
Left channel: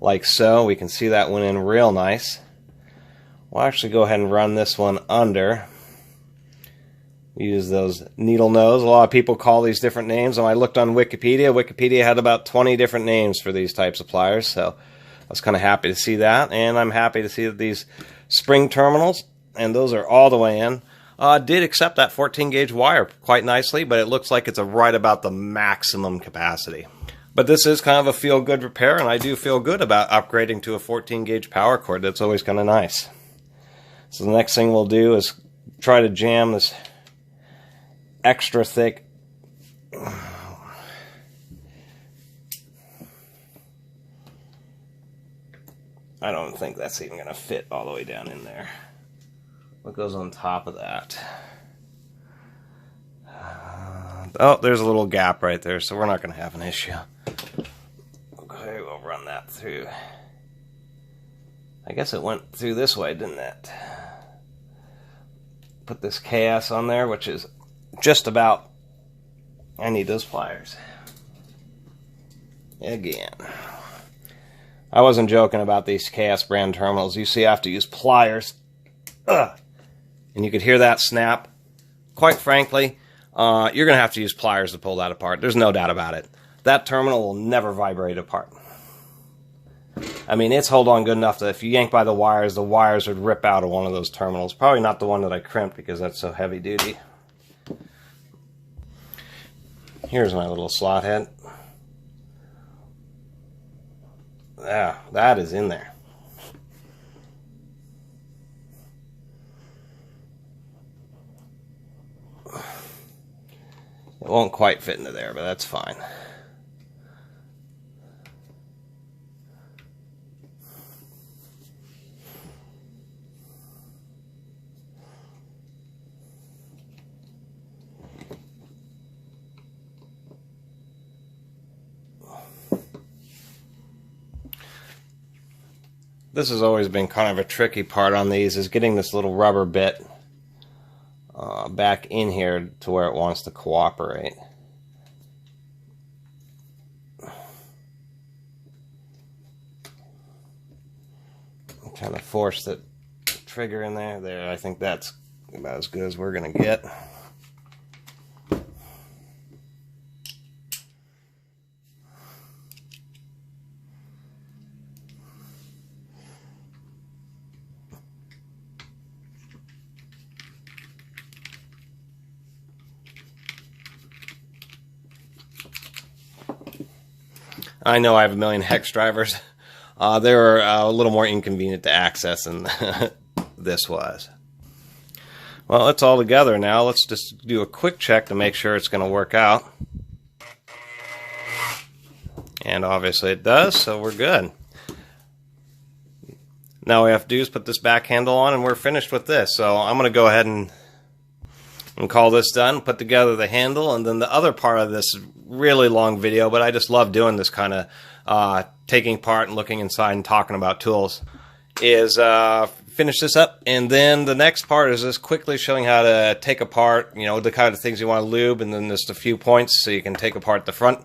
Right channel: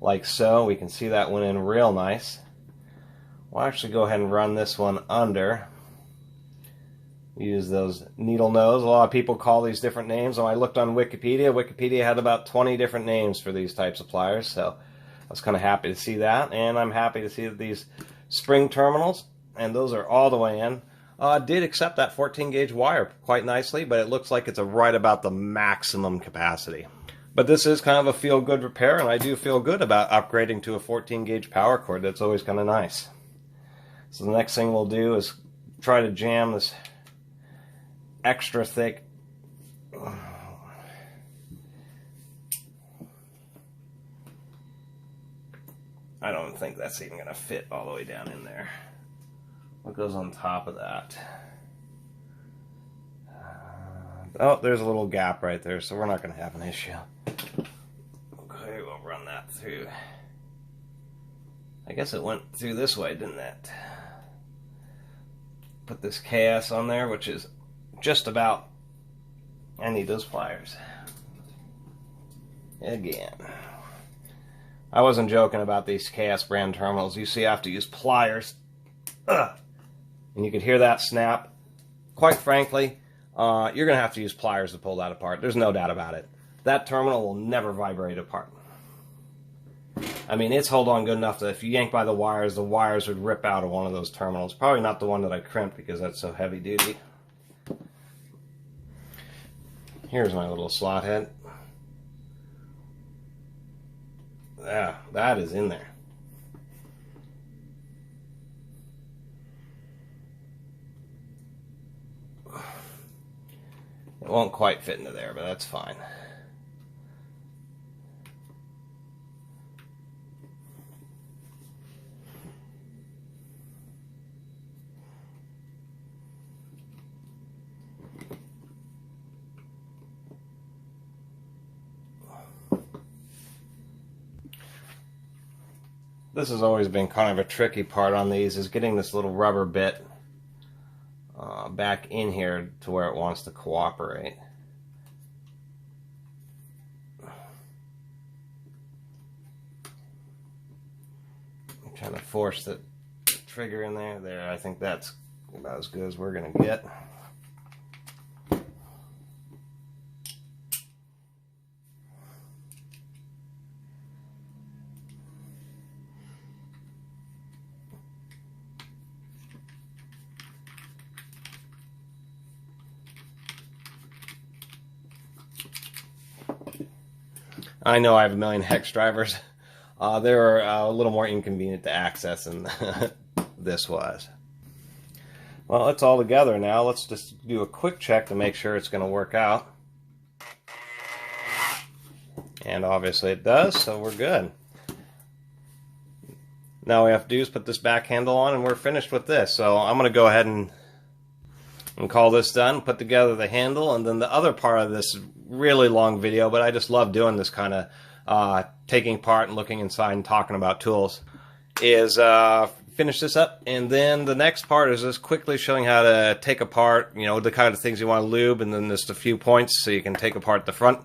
Like so. We can see that went in real nice. We'll actually go ahead and run this one under. Use those needle nose. A lot of people call these different names. When I looked on Wikipedia, Wikipedia had about 20 different names for these types of pliers, so I was kind of happy to see that. And I'm happy to see that these spring terminals, and those are all the way in, did accept that 14 gauge wire quite nicely, but it looks like it's right about the maximum capacity. But this is kind of a feel-good repair, and I do feel good about upgrading to a 14 gauge power cord. That's always kind of nice. So the next thing we'll do is try to jam this extra thick I don't think that's even going to fit all the way down in there. What goes on top of that? Oh, there's a little gap right there, so we're not going to have an issue. Okay, we'll run that through. I guess it went through this way, didn't it? Put this KS on there, which is just about... I need those pliers. Again. I wasn't joking about these KS brand terminals. You see, I have to use pliers. Ugh. And you could hear that snap. Quite frankly, you're going to have to use pliers to pull that apart. There's no doubt about it. That terminal will never vibrate apart. I mean, it's hold on good enough that if you yank by the wires would rip out of one of those terminals. Probably not the one that I crimped because that's so heavy duty. Here's my little slot head. Yeah, that is in there. It won't quite fit into there, but that's fine. This has always been kind of a tricky part on these, is getting this little rubber bit back in here to where it wants to cooperate. I'm trying to force the trigger in there. There, I think that's about as good as we're going to get. I know I have a million hex drivers. They were a little more inconvenient to access than this was. Well, it's all together now. Let's just do a quick check to make sure it's going to work out. And obviously it does, so we're good. Now all we have to do is put this back handle on and we're finished with this. So I'm going to go ahead and call this done, put together the handle, and then the other part of this really long video, but I just love doing this kind of taking part and looking inside and talking about tools, is finish this up, and then the next part is just quickly showing how to take apart, you know, the kind of things you want to lube, and then just a few points so you can take apart the front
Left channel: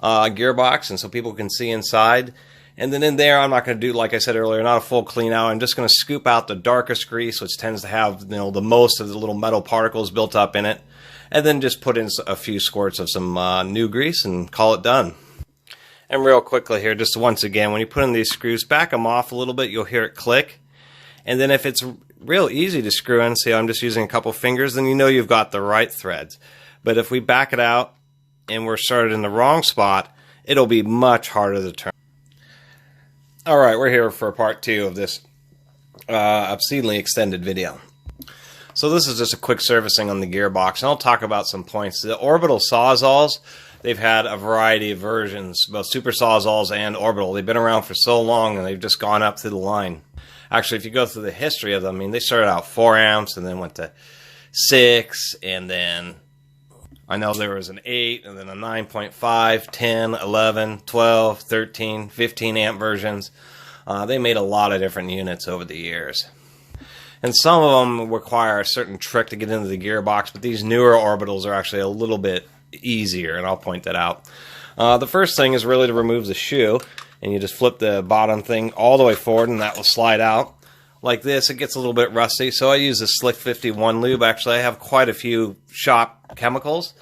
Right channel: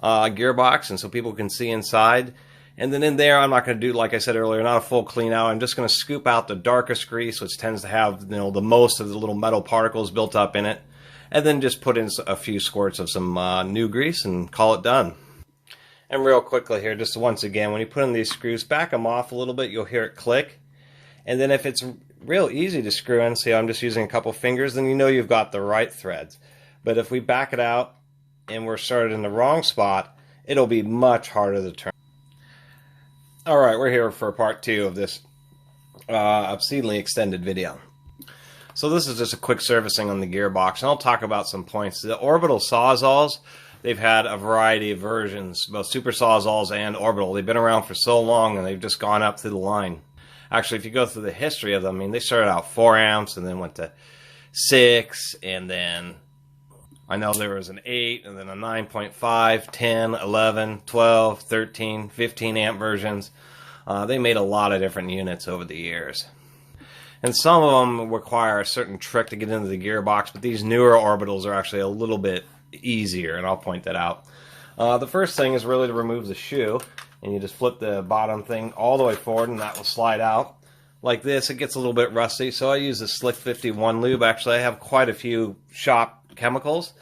gearbox and so people can see inside. And then in there, I'm not going to do, like I said earlier, not a full clean out. I'm just going to scoop out the darkest grease, which tends to have, you know, the most of the little metal particles built up in it. And then just put in a few squirts of some new grease and call it done. And real quickly here, just once again, when you put in these screws, back them off a little bit, you'll hear it click. And then if it's real easy to screw in, say I'm just using a couple fingers, then you know you've got the right threads. But if we back it out and we're started in the wrong spot, it'll be much harder to turn. Alright, we're here for part 2 of this obscenely extended video. So this is just a quick servicing on the gearbox, and I'll talk about some points. The Orbital Sawzalls, they've had a variety of versions, both Super Sawzalls and Orbital. They've been around for so long, and they've just gone up through the line. Actually, if you go through the history of them, I mean, they started out 4 amps, and then went to 6, and then I know there was an 8, and then a 9.5, 10, 11, 12, 13, 15 amp versions. They made a lot of different units over the years. And some of them require a certain trick to get into the gearbox, but these newer orbitals are actually a little bit easier, and I'll point that out. The first thing is really to remove the shoe, and you just flip the bottom thing all the way forward, and that will slide out. Like this, it gets a little bit rusty, so I use the Slick 51 lube. Actually, I have quite a few shop chemicals,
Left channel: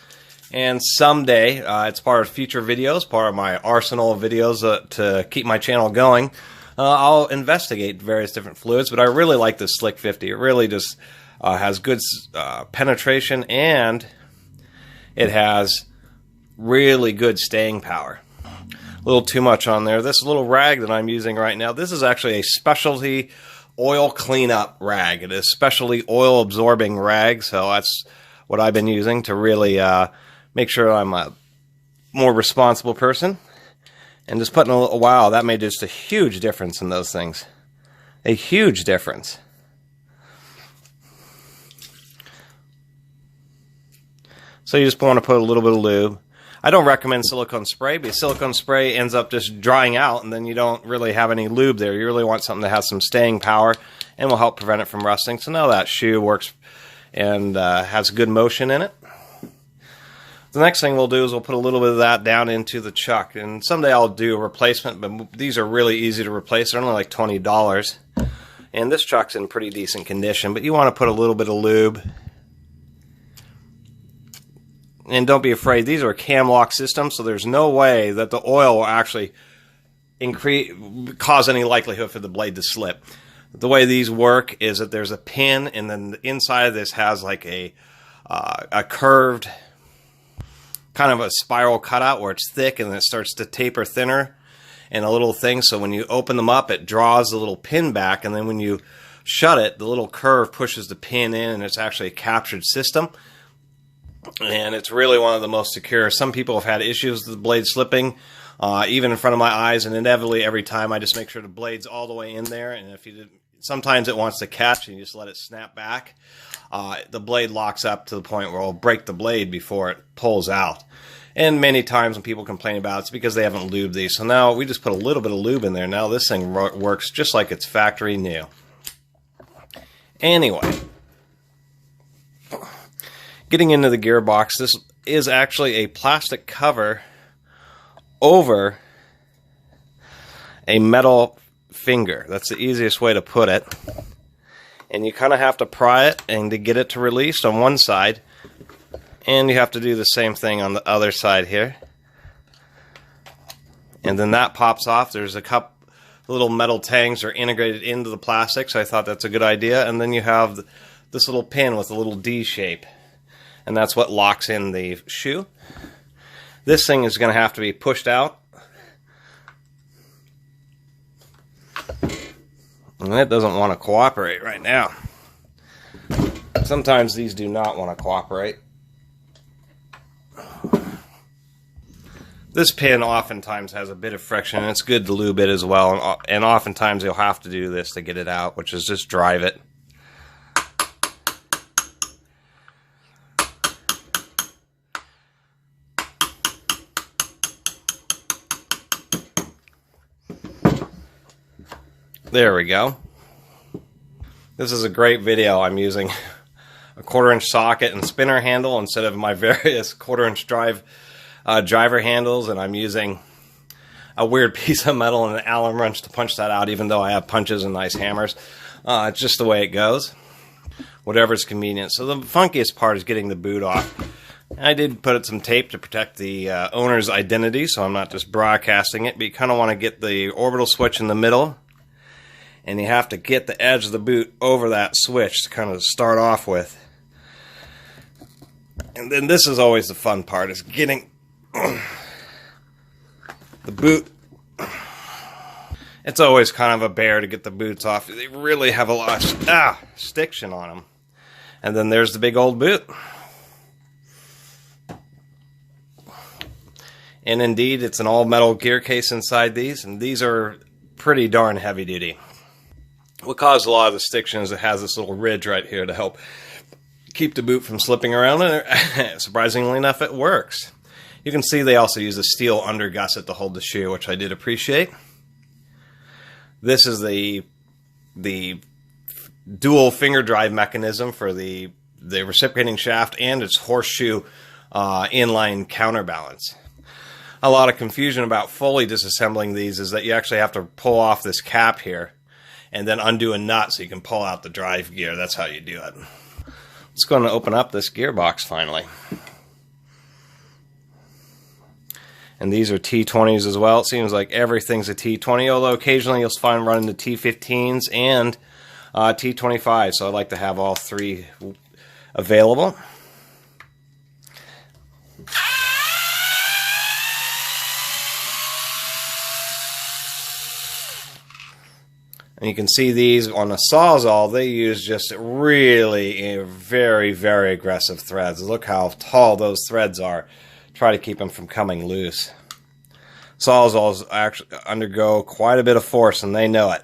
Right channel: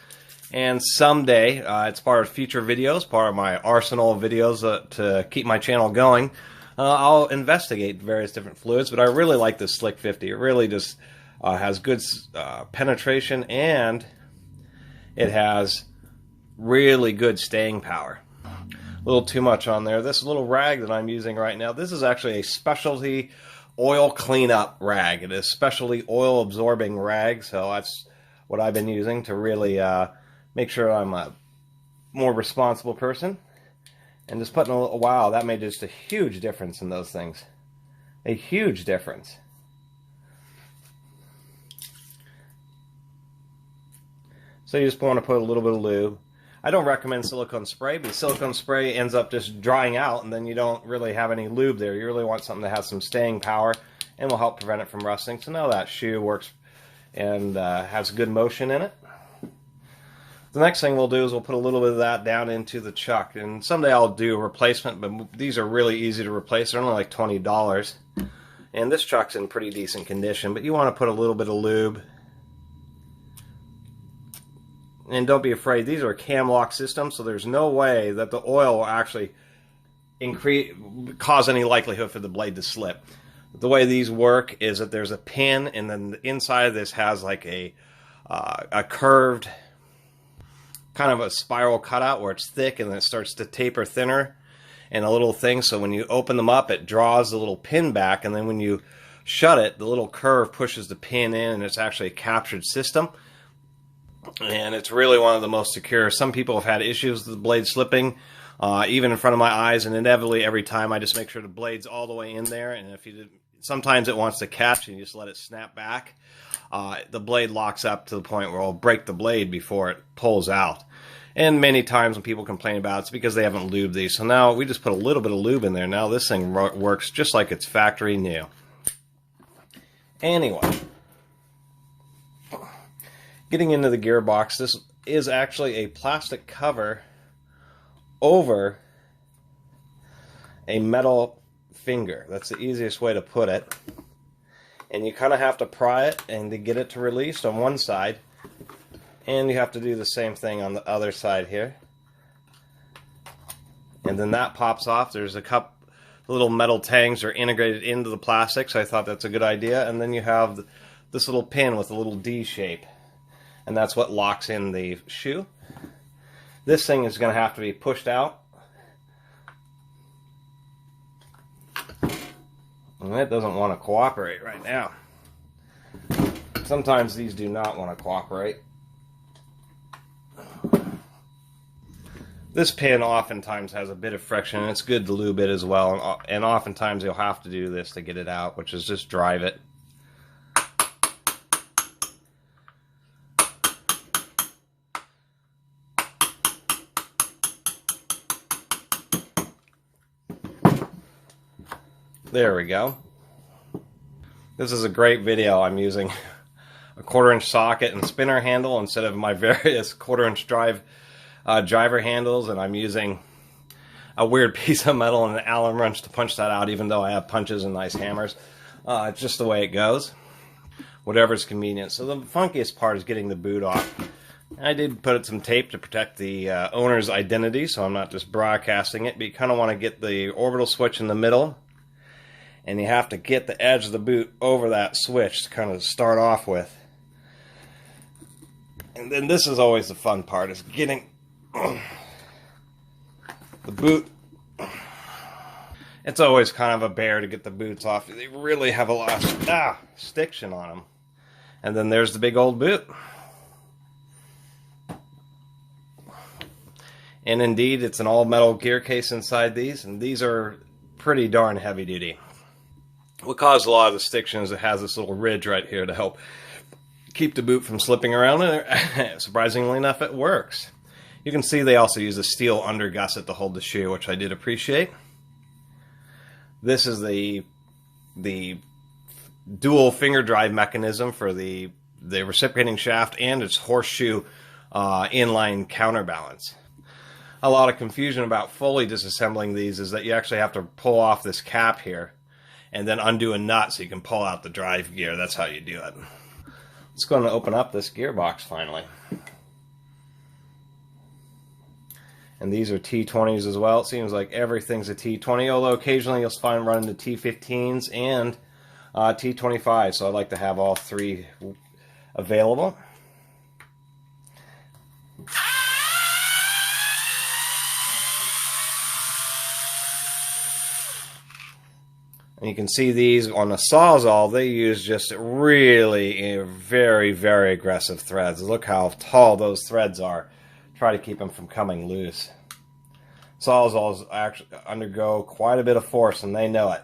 and someday, it's part of future videos, part of my arsenal of videos to keep my channel going, I'll investigate various different fluids, but I really like this Slick 50. It really just has good penetration, and it has really good staying power. A little too much on there. This little rag that I'm using right now, this is actually a specialty oil cleanup rag. It is specialty oil absorbing rag, so that's what I've been using to really make sure I'm a more responsible person. And just putting a little, wow, that made just a huge difference in those things. A huge difference. So you just want to put a little bit of lube. I don't recommend silicone spray, because silicone spray ends up just drying out, and then you don't really have any lube there. You really want something that has some staying power and will help prevent it from rusting. So now that shoe works and has good motion in it. The next thing we'll do is we'll put a little bit of that down into the chuck. And someday I'll do a replacement, but these are really easy to replace. They're only like $20. And this chuck's in pretty decent condition, but you want to put a little bit of lube. And don't be afraid, these are a cam lock system, so there's no way that the oil will actually cause any likelihood for the blade to slip. The way these work is that there's a pin, and then the inside of this has like a curved, kind of a spiral cutout where it's thick and it starts to taper thinner and a little thing. So when you open them up, it draws the little pin back, and then when you shut it, the little curve pushes the pin in, and it's actually a captured system. And it's really one of the most secure. Some people have had issues with the blade slipping, even in front of my eyes, and inevitably every time I just make sure the blade's all the way in there. And if you did, sometimes it wants to catch and you just let it snap back. The blade locks up to the point where it'll break the blade before it pulls out. And many times when people complain about it, it's because they haven't lubed these. So now we just put a little bit of lube in there. Now this thing works just like it's factory new. Anyway, getting into the gearbox, this is actually a plastic cover over a metal finger. That's the easiest way to put it. And you kind of have to pry it and to get it to release on one side. And you have to do the same thing on the other side here. And then that pops off. There's a couple little metal tangs are integrated into the plastic, so I thought that's a good idea. And then you have this little pin with a little D shape. And that's what locks in the shoe. This thing is going to have to be pushed out. And it doesn't want to cooperate right now. Sometimes these do not want to cooperate. This pin oftentimes has a bit of friction, and it's good to lube it as well. And oftentimes you'll have to do this to get it out, which is just drive it. There we go. This is a great video. I'm using a 1/4-inch socket and spinner handle instead of my various 1/4-inch driver handles, and I'm using a weird piece of metal and an Allen wrench to punch that out, even though I have punches and nice hammers. It's just the way it goes. Whatever's convenient. So the funkiest part is getting the boot off. I did put some tape to protect the owner's identity, so I'm not just broadcasting it, but you kind of want to get the orbital switch in the middle. And you have to get the edge of the boot over that switch to kind of start off with. And then this is always the fun part, is getting the boot. It's always kind of a bear to get the boots off. They really have a lot of stiction on them. And then there's the big old boot. And indeed, it's an all-metal gear case inside these, and these are pretty darn heavy-duty. What caused a lot of the stiction is it has this little ridge right here to help keep the boot from slipping around, and surprisingly enough, it works. You can see they also use a steel undergusset to hold the shoe, which I did appreciate. This is the dual finger drive mechanism for the reciprocating shaft and its horseshoe inline counterbalance. A lot of confusion about fully disassembling these is that you actually have to pull off this cap here and then undo a nut so you can pull out the drive gear. That's how you do it. Let's go and open up this gearbox finally. And these are T20s as well. It seems like everything's a T20, although occasionally you'll find running the T15s and T25. So I'd like to have all three available. And you can see these on the Sawzall, they use just really very, very aggressive threads. Look how tall those threads are. Try to keep them from coming loose. Sawzalls actually undergo quite a bit of force, and they know it.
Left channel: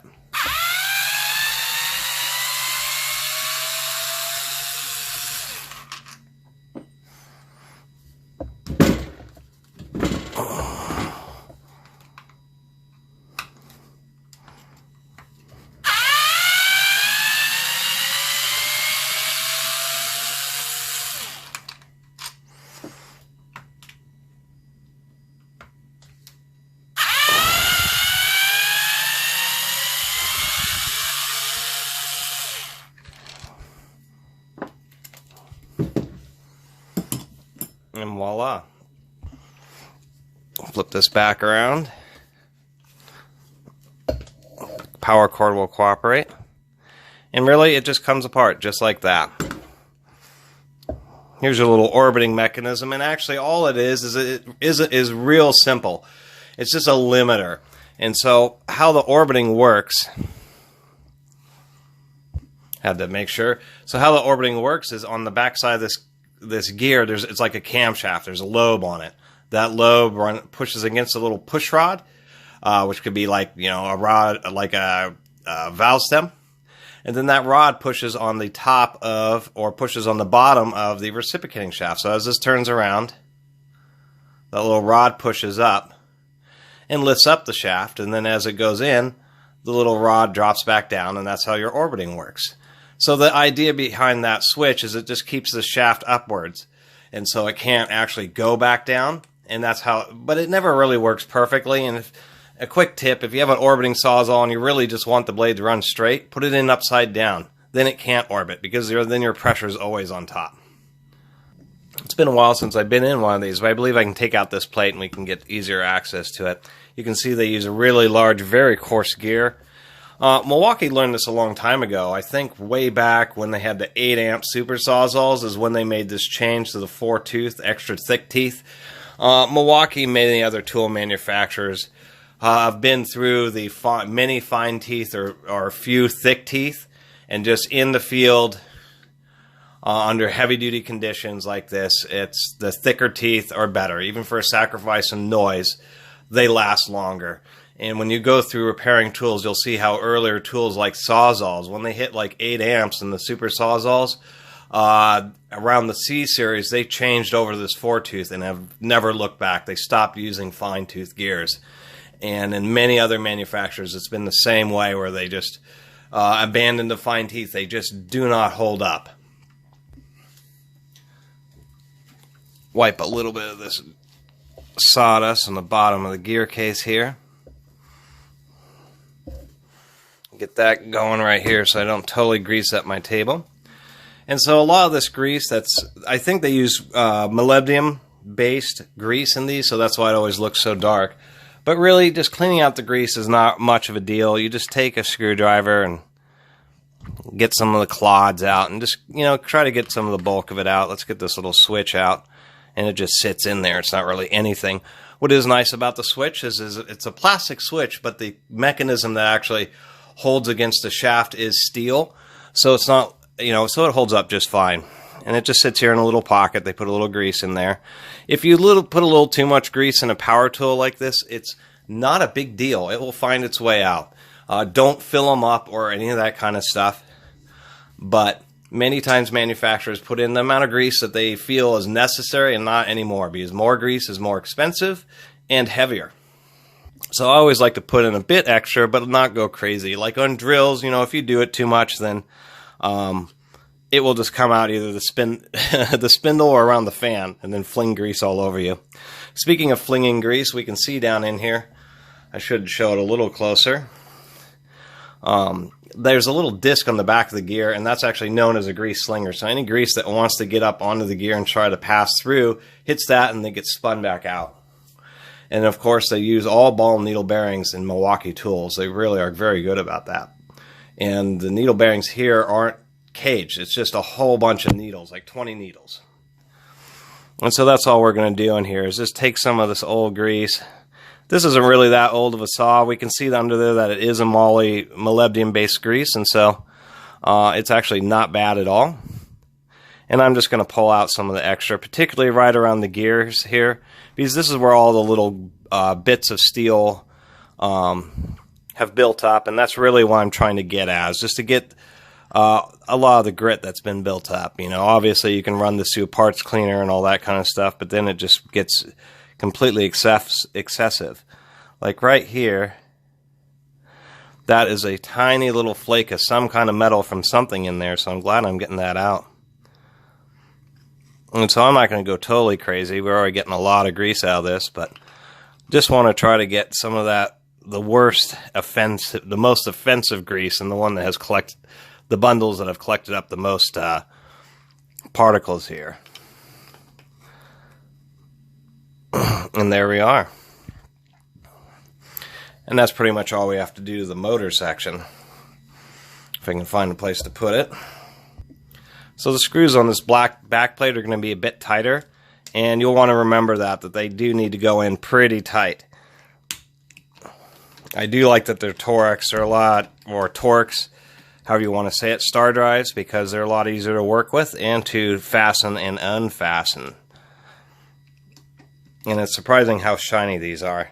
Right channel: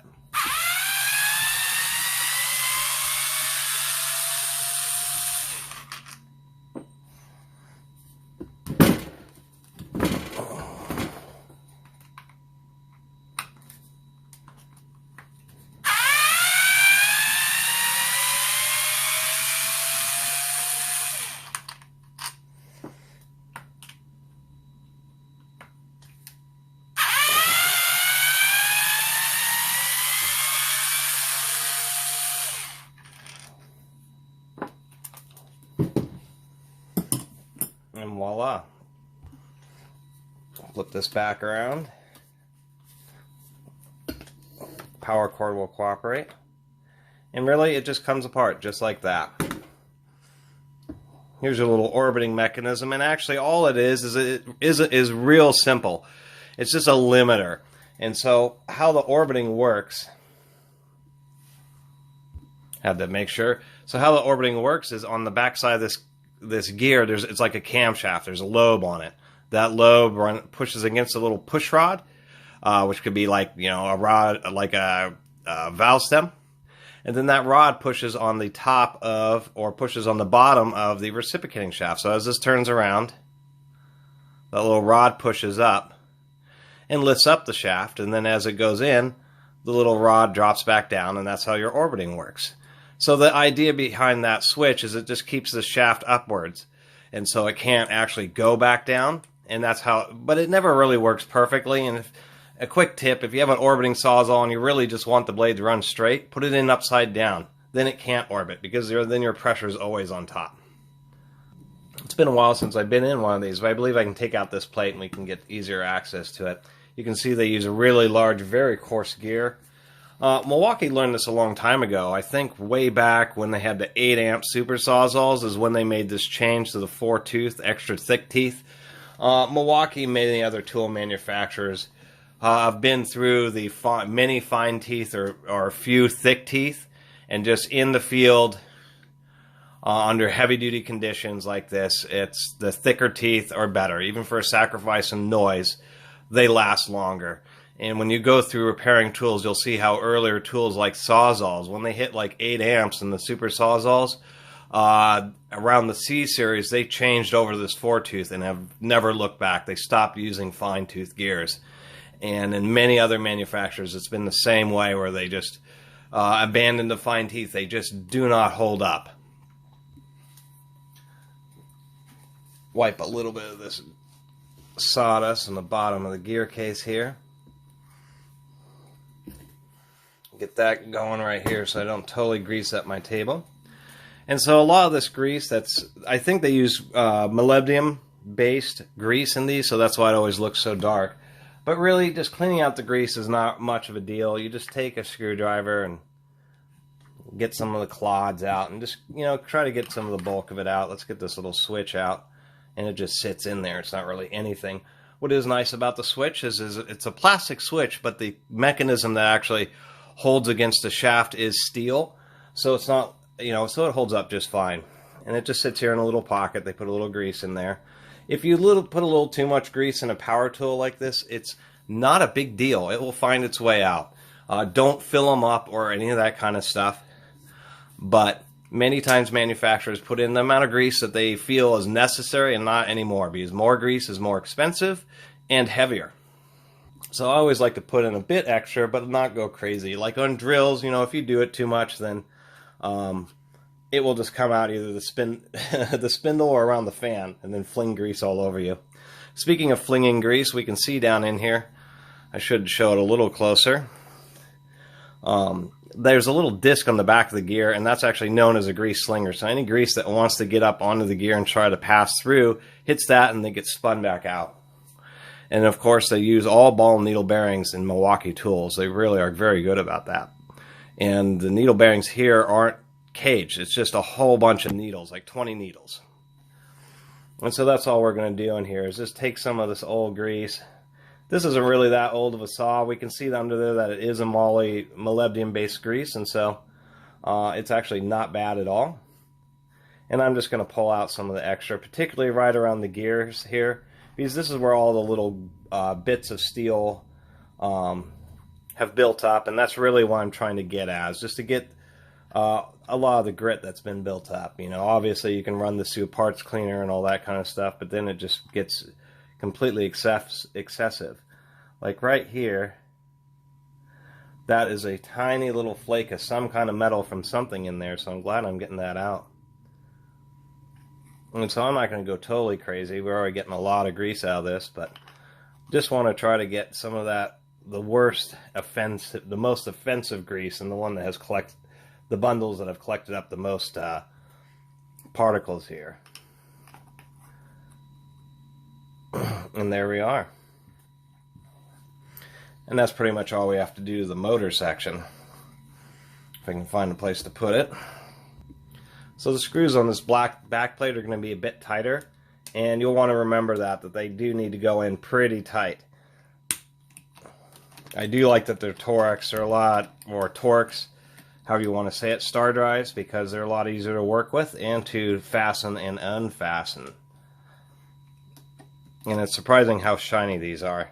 And voila. Flip this back around. Power cord will cooperate. And really, it just comes apart just like that. Here's your little orbiting mechanism, and actually all it is real simple. It's just a limiter. And so how the orbiting works, had to make sure. So how the orbiting works is on the back side of this gear, it's like a camshaft. There's a lobe on it. That lobe pushes against a little push rod, which could be like, you know, a rod, like a valve stem. And then that rod pushes on the top of, or pushes on the bottom of the reciprocating shaft. So as this turns around, that little rod pushes up and lifts up the shaft. And then as it goes in, the little rod drops back down, and that's how your orbiting works. So the idea behind that switch is it just keeps the shaft upwards, and so it can't actually go back down, and that's how, but it never really works perfectly. And a quick tip, if you have an orbiting Sawzall and you really just want the blade to run straight, put it in upside down. Then it can't orbit, because then your pressure is always on top. It's been a while since I've been in one of these, but I believe I can take out this plate and we can get easier access to it. You can see they use a really large, very coarse gear. Milwaukee learned this a long time ago. I think way back when they had the 8 amp super Sawzalls is when they made this change to the 4-tooth, extra thick teeth. Milwaukee, many other tool manufacturers have been through the many fine teeth or few thick teeth, and just in the field under heavy duty conditions like this, it's the thicker teeth are better. Even for a sacrifice in noise, they last longer. And when you go through repairing tools, you'll see how earlier tools like Sawzalls, when they hit like 8 amps in the super Sawzalls, around the C series, they changed over to this 4-tooth and have never looked back. They stopped using fine-tooth gears. And in many other manufacturers, it's been the same way, where they just abandoned the fine teeth. They just do not hold up. Wipe a little bit of this sawdust on the bottom of the gear case here. Get that going right here so I don't totally grease up my table. And so a lot of this grease, I think they use molybdenum-based grease in these, so that's why it always looks so dark. But really, just cleaning out the grease is not much of a deal. You just take a screwdriver and get some of the clods out, and just, you know, try to get some of the bulk of it out. Let's get this little switch out, and it just sits in there. It's not really anything. What is nice about the switch is it's a plastic switch, but the mechanism that actually holds against the shaft is steel, so it's not, you know, so it holds up just fine. And it just sits here in a little pocket. They put a little grease in there. If you put a little too much grease in a power tool like this, it's not a big deal. It will find its way out. Don't fill them up or any of that kind of stuff. But many times manufacturers put in the amount of grease that they feel is necessary, and not anymore, because more grease is more expensive and heavier. So I always like to put in a bit extra, but not go crazy. Like on drills, you know, if you do it too much, then it will just come out either the spindle or around the fan and then fling grease all over you. Speaking of flinging grease, we can see down in here, I should show it a little closer. There's a little disc on the back of the gear, and that's actually known as a grease slinger. So any grease that wants to get up onto the gear and try to pass through hits that and then gets spun back out. And of course, they use all ball and needle bearings in Milwaukee tools. They really are very good about that. And the needle bearings here aren't caged. It's just a whole bunch of needles, like 20 needles. And so that's all we're going to do in here is just take some of this old grease. This isn't really that old of a saw. We can see under there that it is a molybdenum-based grease, and so it's actually not bad at all. And I'm just going to pull out some of the extra, particularly right around the gears here, because this is where all the little bits of steel have built up, and that's really what I'm trying to get at, is just to get a lot of the grit that's been built up. You know, obviously you can run this through a parts cleaner and all that kind of stuff, but then it just gets completely excessive. Like right here, that is a tiny little flake of some kind of metal from something in there, so I'm glad I'm getting that out. And so I'm not going to go totally crazy. We're already getting a lot of grease out of this, but just want to try to get some of that, the most offensive grease, and the one that has collected the bundles that have collected up the most particles here. And there we are. And that's pretty much all we have to do to the motor section. If I can find a place to put it. So the screws on this black back plate are going to be a bit tighter, and you'll want to remember that they do need to go in pretty tight. I do like that their Torx are a lot, or Torx, however you want to say it, star drives, because they're a lot easier to work with and to fasten and unfasten. And it's surprising how shiny these are.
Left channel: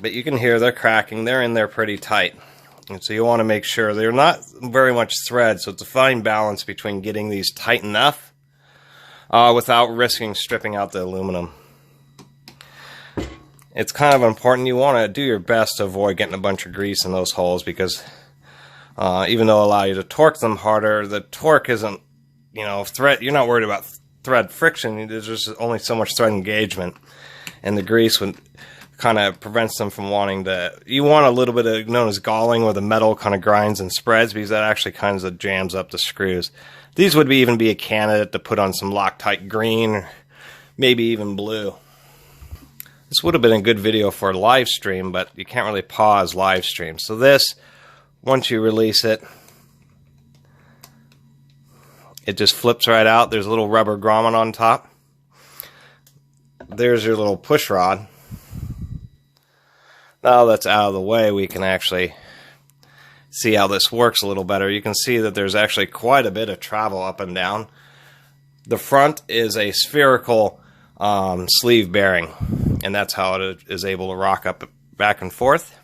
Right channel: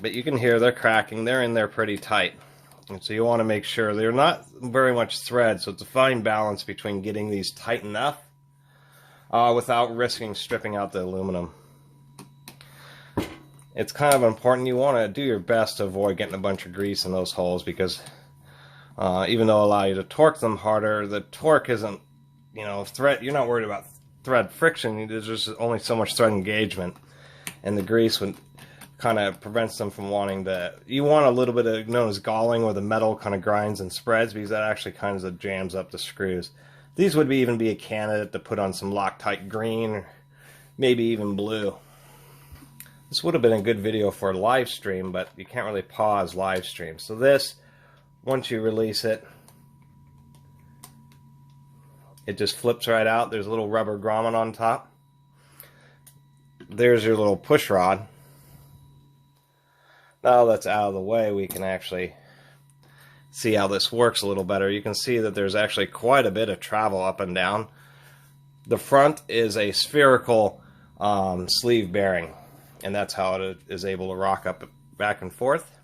But you can hear they're cracking. They're in there pretty tight. And so you want to make sure they're not very much thread, so it's a fine balance between getting these tight enough without risking stripping out the aluminum. It's kind of important. You want to do your best to avoid getting a bunch of grease in those holes, because even though it'll allow you to torque them harder, the torque isn't, you know, thread. You're not worried about thread friction. There's just only so much thread engagement, and the grease would kind of prevents them from wanting to. You want a little bit of known as galling, where the metal kind of grinds and spreads, because that actually kind of jams up the screws. These would even be a candidate to put on some Loctite green, or maybe even blue. This would have been a good video for a live stream, but you can't really pause live streams. So this, once you release it, it just flips right out. There's a little rubber grommet on top. There's your little push rod. Now that's out of the way, we can actually see how this works a little better. You can see that there's actually quite a bit of travel up and down. The front is a spherical sleeve bearing, and that's how it is able to rock up back and forth.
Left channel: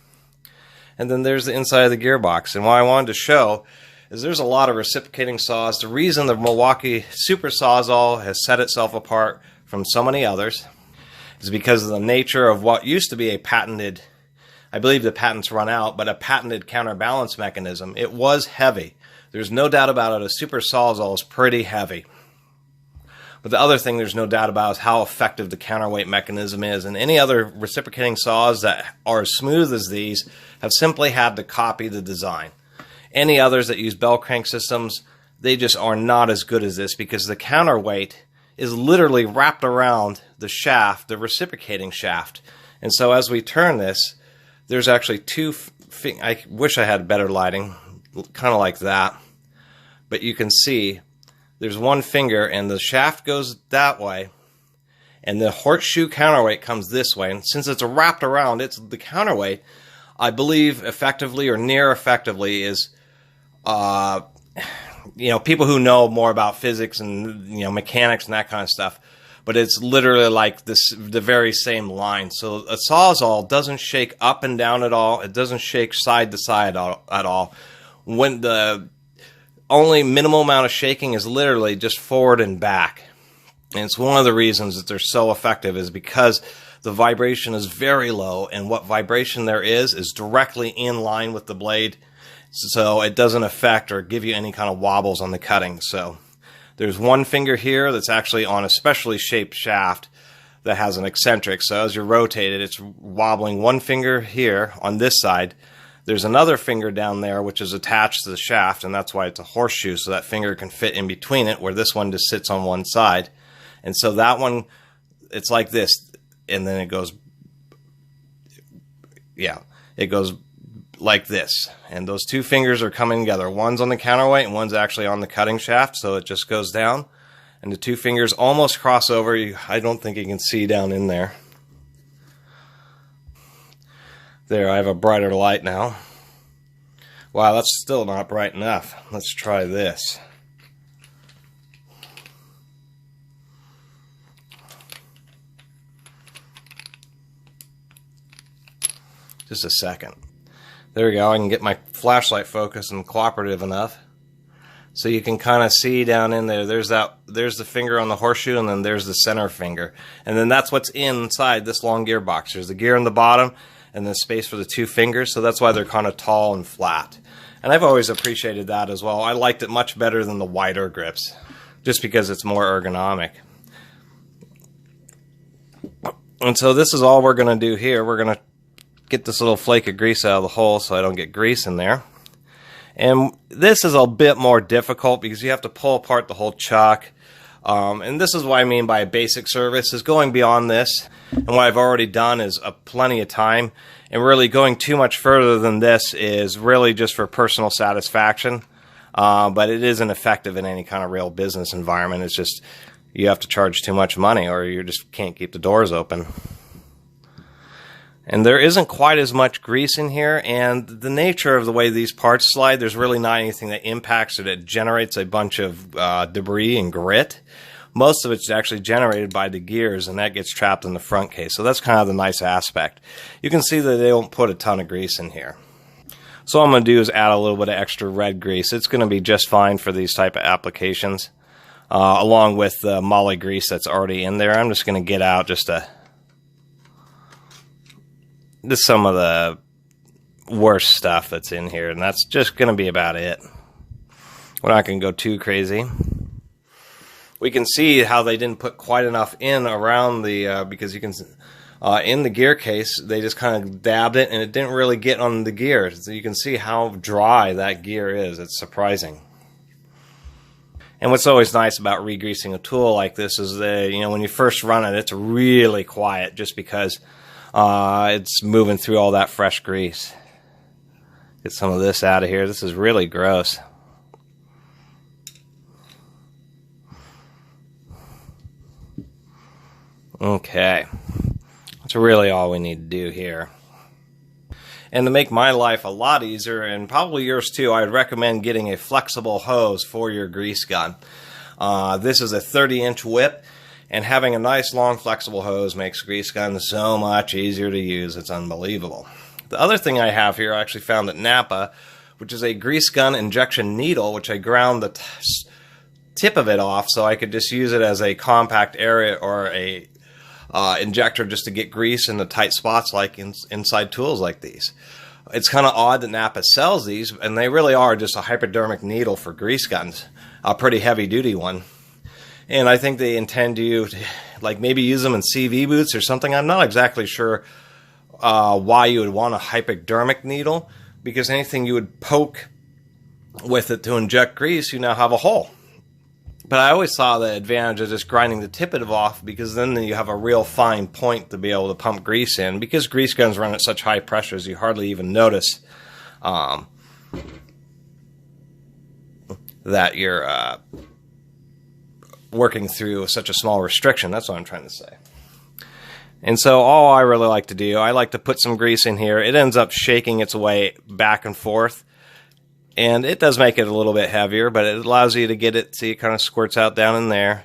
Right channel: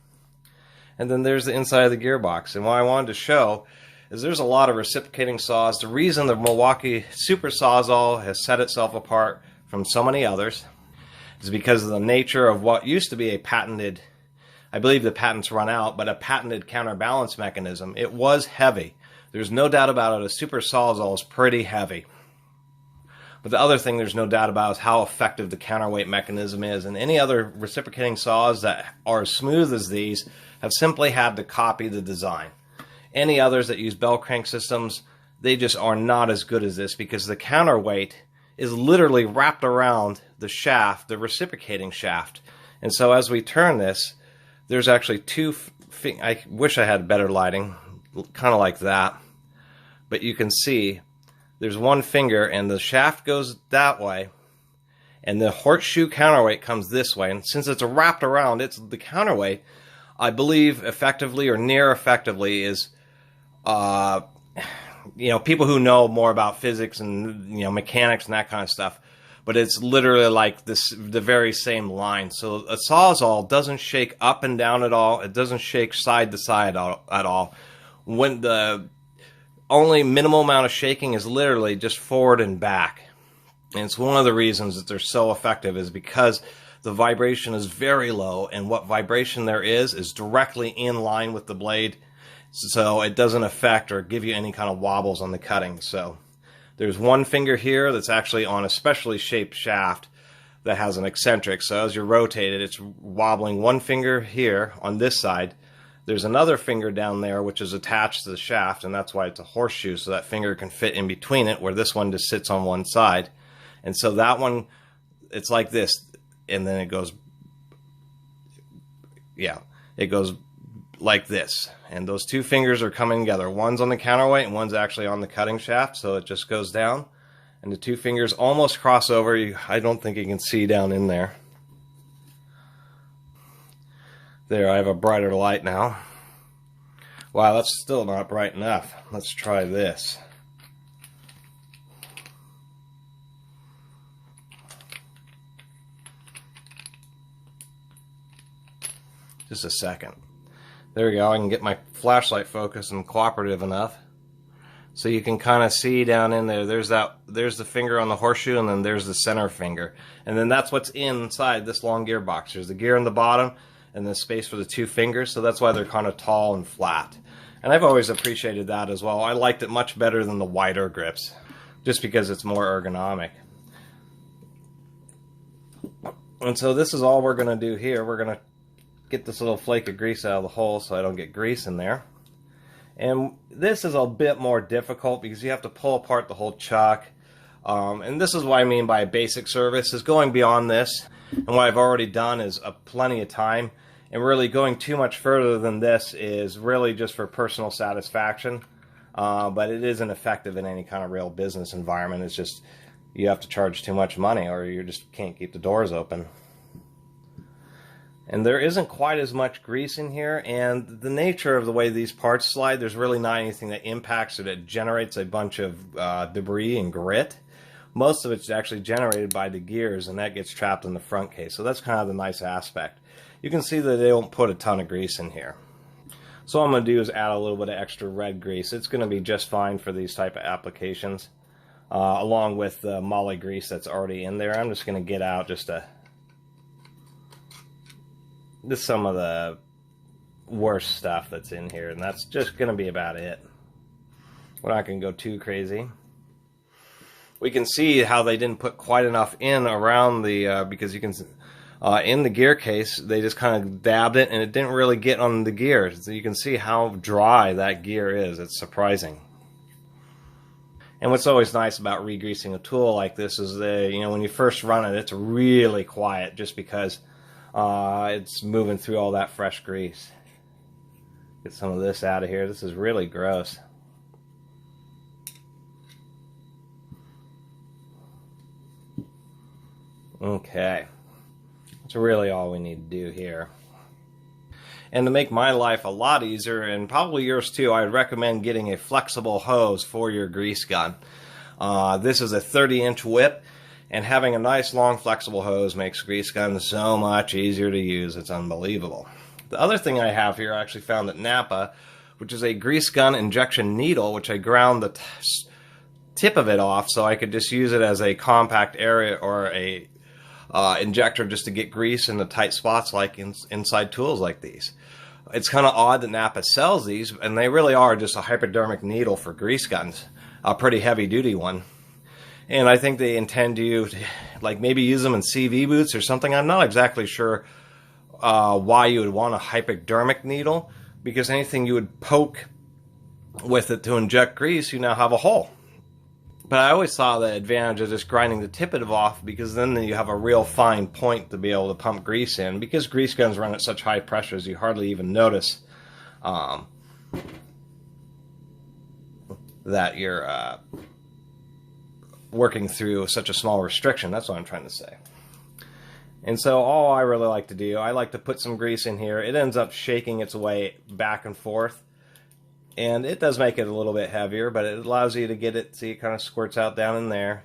And then there's the inside of the gearbox. And what I wanted to show is there's a lot of reciprocating saws. The reason the Milwaukee Super Sawzall has set itself apart from so many others is because of the nature of what used to be a patented, I believe the patent's run out, but a patented counterbalance mechanism. It was heavy. There's no doubt about it. A Super Sawzall is pretty heavy. But the other thing there's no doubt about is how effective the counterweight mechanism is. And any other reciprocating saws that are as smooth as these have simply had to copy the design. Any others that use bell crank systems, they just are not as good as this, because the counterweight is literally wrapped around the shaft, the reciprocating shaft. And so as we turn this, there's actually I wish I had better lighting, kind of like that. But you can see there's one finger, and the shaft goes that way, and the horseshoe counterweight comes this way. And since it's wrapped around, it's the counterweight, I believe effectively or near effectively is, you know, people who know more about physics and, you know, mechanics and that kind of stuff, but it's literally like this, the very same line. So a Sawzall doesn't shake up and down at all. It doesn't shake side to side at all. When the only minimal amount of shaking is literally just forward and back. And it's one of the reasons that they're so effective, is because the vibration is very low, and what vibration there is directly in line with the blade. so it doesn't affect or give you any kind of wobbles on the cutting. So there's one finger here that's actually on a specially shaped shaft that has an eccentric. So as you rotate it, it's wobbling one finger here on this side. There's another finger down there which is attached to the shaft, and that's why it's a horseshoe, so that finger can fit in between it, where this one just sits on one side. And so that one, it's like this, and then it goes, yeah, it goes like this. And those two fingers are coming together. One's on the counterweight and one's actually on the cutting shaft, so it just goes down. And the two fingers almost cross over. I don't think you can see down in there. There, I have a brighter light now. Wow, that's still not bright enough. Let's try this. Just a second. There we go. I can get my flashlight focused and cooperative enough. So you can kind of see down in there, there's the finger on the horseshoe, and then there's the center finger. And then that's what's inside this long gearbox. There's the gear in the bottom, and then space for the two fingers, so that's why they're kind of tall and flat. And I've always appreciated that as well. I liked it much better than the wider grips, just because it's more ergonomic. And so this is all we're going to do here. We're going to get this little flake of grease out of the hole so I don't get grease in there. And this is a bit more difficult because you have to pull apart the whole chuck. And this is what I mean by a basic service, is going beyond this. And what I've already done is plenty of time. And really going too much further than this is really just for personal satisfaction. But it isn't effective in any kind of real business environment. It's just you have to charge too much money or you just can't keep the doors open. And there isn't quite as much grease in here, and the nature of the way these parts slide, there's really not anything that impacts it. It generates a bunch of debris and grit. Most of it's actually generated by the gears, and that gets trapped in the front case. So that's kind of the nice aspect. You can see that they don't put a ton of grease in here. So what I'm going to do is add a little bit of extra red grease. It's going to be just fine for these type of applications, along with the moly grease that's already in there. I'm just going to get out just some of the worst stuff that's in here, and that's just going to be about it. We're not going to go too crazy. We can see how they didn't put quite enough in around the, because you can, in the gear case, they just kind of dabbed it, and it didn't really get on the gear. So you can see how dry that gear is. It's surprising. And what's always nice about regreasing a tool like this is that, you know, when you first run it, it's really quiet just because it's moving through all that fresh grease. Get some of this out of here. This is really gross. Okay. That's really all we need to do here. And to make my life a lot easier, and probably yours too, I'd recommend getting a flexible hose for your grease gun. This is a 30-inch whip. And having a nice long flexible hose makes grease guns so much easier to use. It's unbelievable. The other thing I have here I actually found at Napa, which is a grease gun injection needle, which I ground the tip of it off so I could just use it as a compact area or a injector just to get grease in the tight spots like inside tools like these. It's kind of odd that Napa sells these, and they really are just a hypodermic needle for grease guns, a pretty heavy duty one. And I think they intend to, like, maybe use them in CV boots or something. I'm not exactly sure why you would want a hypodermic needle, because anything you would poke with it to inject grease, you now have a hole. But I always saw the advantage of just grinding the tip of it off, because then you have a real fine point to be able to pump grease in. Because grease guns run at such high pressures, you hardly even notice that you're working through such a small restriction. That's what I'm trying to say. And so all I really like to do, I like to put some grease in here. It ends up shaking its way back and forth, and it does make it a little bit heavier, but it allows you to get it, see, it kind of squirts out down in there.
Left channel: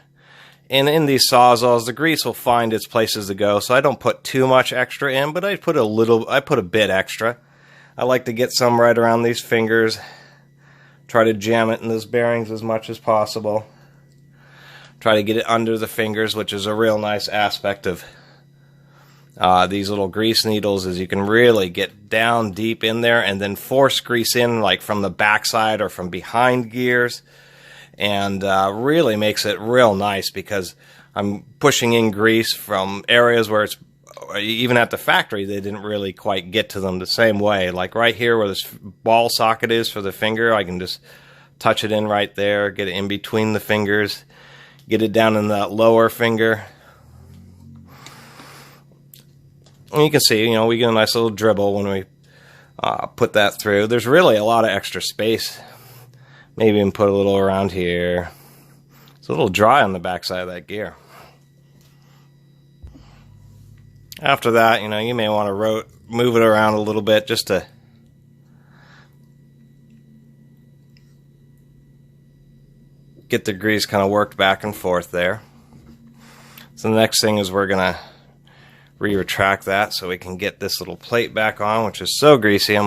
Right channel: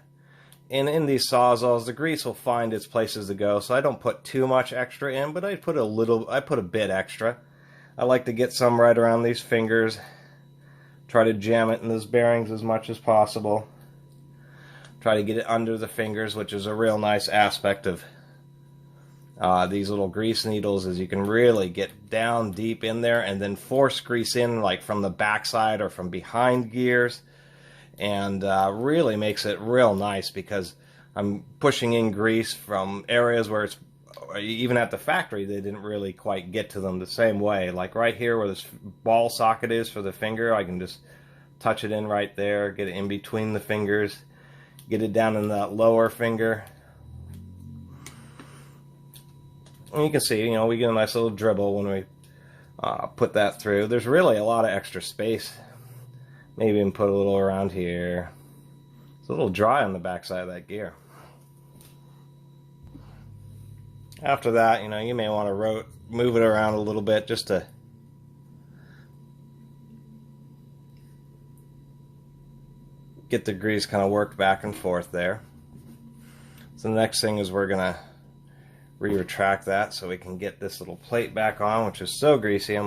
And in these Sawzalls, the grease will find its places to go, so I don't put too much extra in, but I put a bit extra. I like to get some right around these fingers, try to jam it in those bearings as much as possible. Try to get it under the fingers, which is a real nice aspect of these little grease needles is you can really get down deep in there and then force grease in like from the backside or from behind gears, and really makes it real nice because I'm pushing in grease from areas where it's, even at the factory, they didn't really quite get to them the same way. Like right here where this ball socket is for the finger, I can just touch it in right there, get it in between the fingers, get it down in that lower finger. And you can see, you know, we get a nice little dribble when we put that through. There's really a lot of extra space. Maybe even put a little around here. It's a little dry on the backside of that gear. After that, you know, you may want to move it around a little bit just to get the grease kind of worked back and forth there. So the next thing is we're going to retract that so we can get this little plate back on, which is so greasy.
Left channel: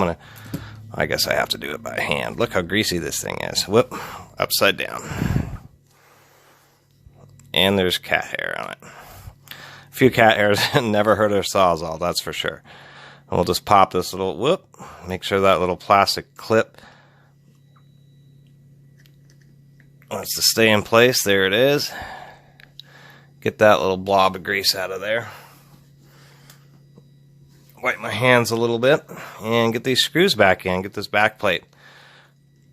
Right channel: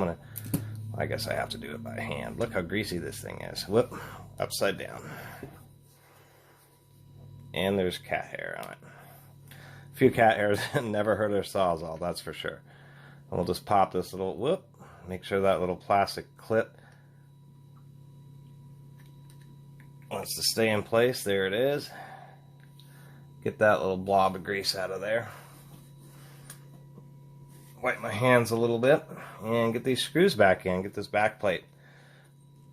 I guess I have to do it by hand. Look how greasy this thing is. Whoop, upside down. And there's cat hair on it. A few cat hairs. Never heard of Sawzall, that's for sure. And we'll just pop this little, whoop, make sure that little plastic clip wants to stay in place. There it is. Get that little blob of grease out of there. Wipe my hands a little bit and get these screws back in, get this back plate.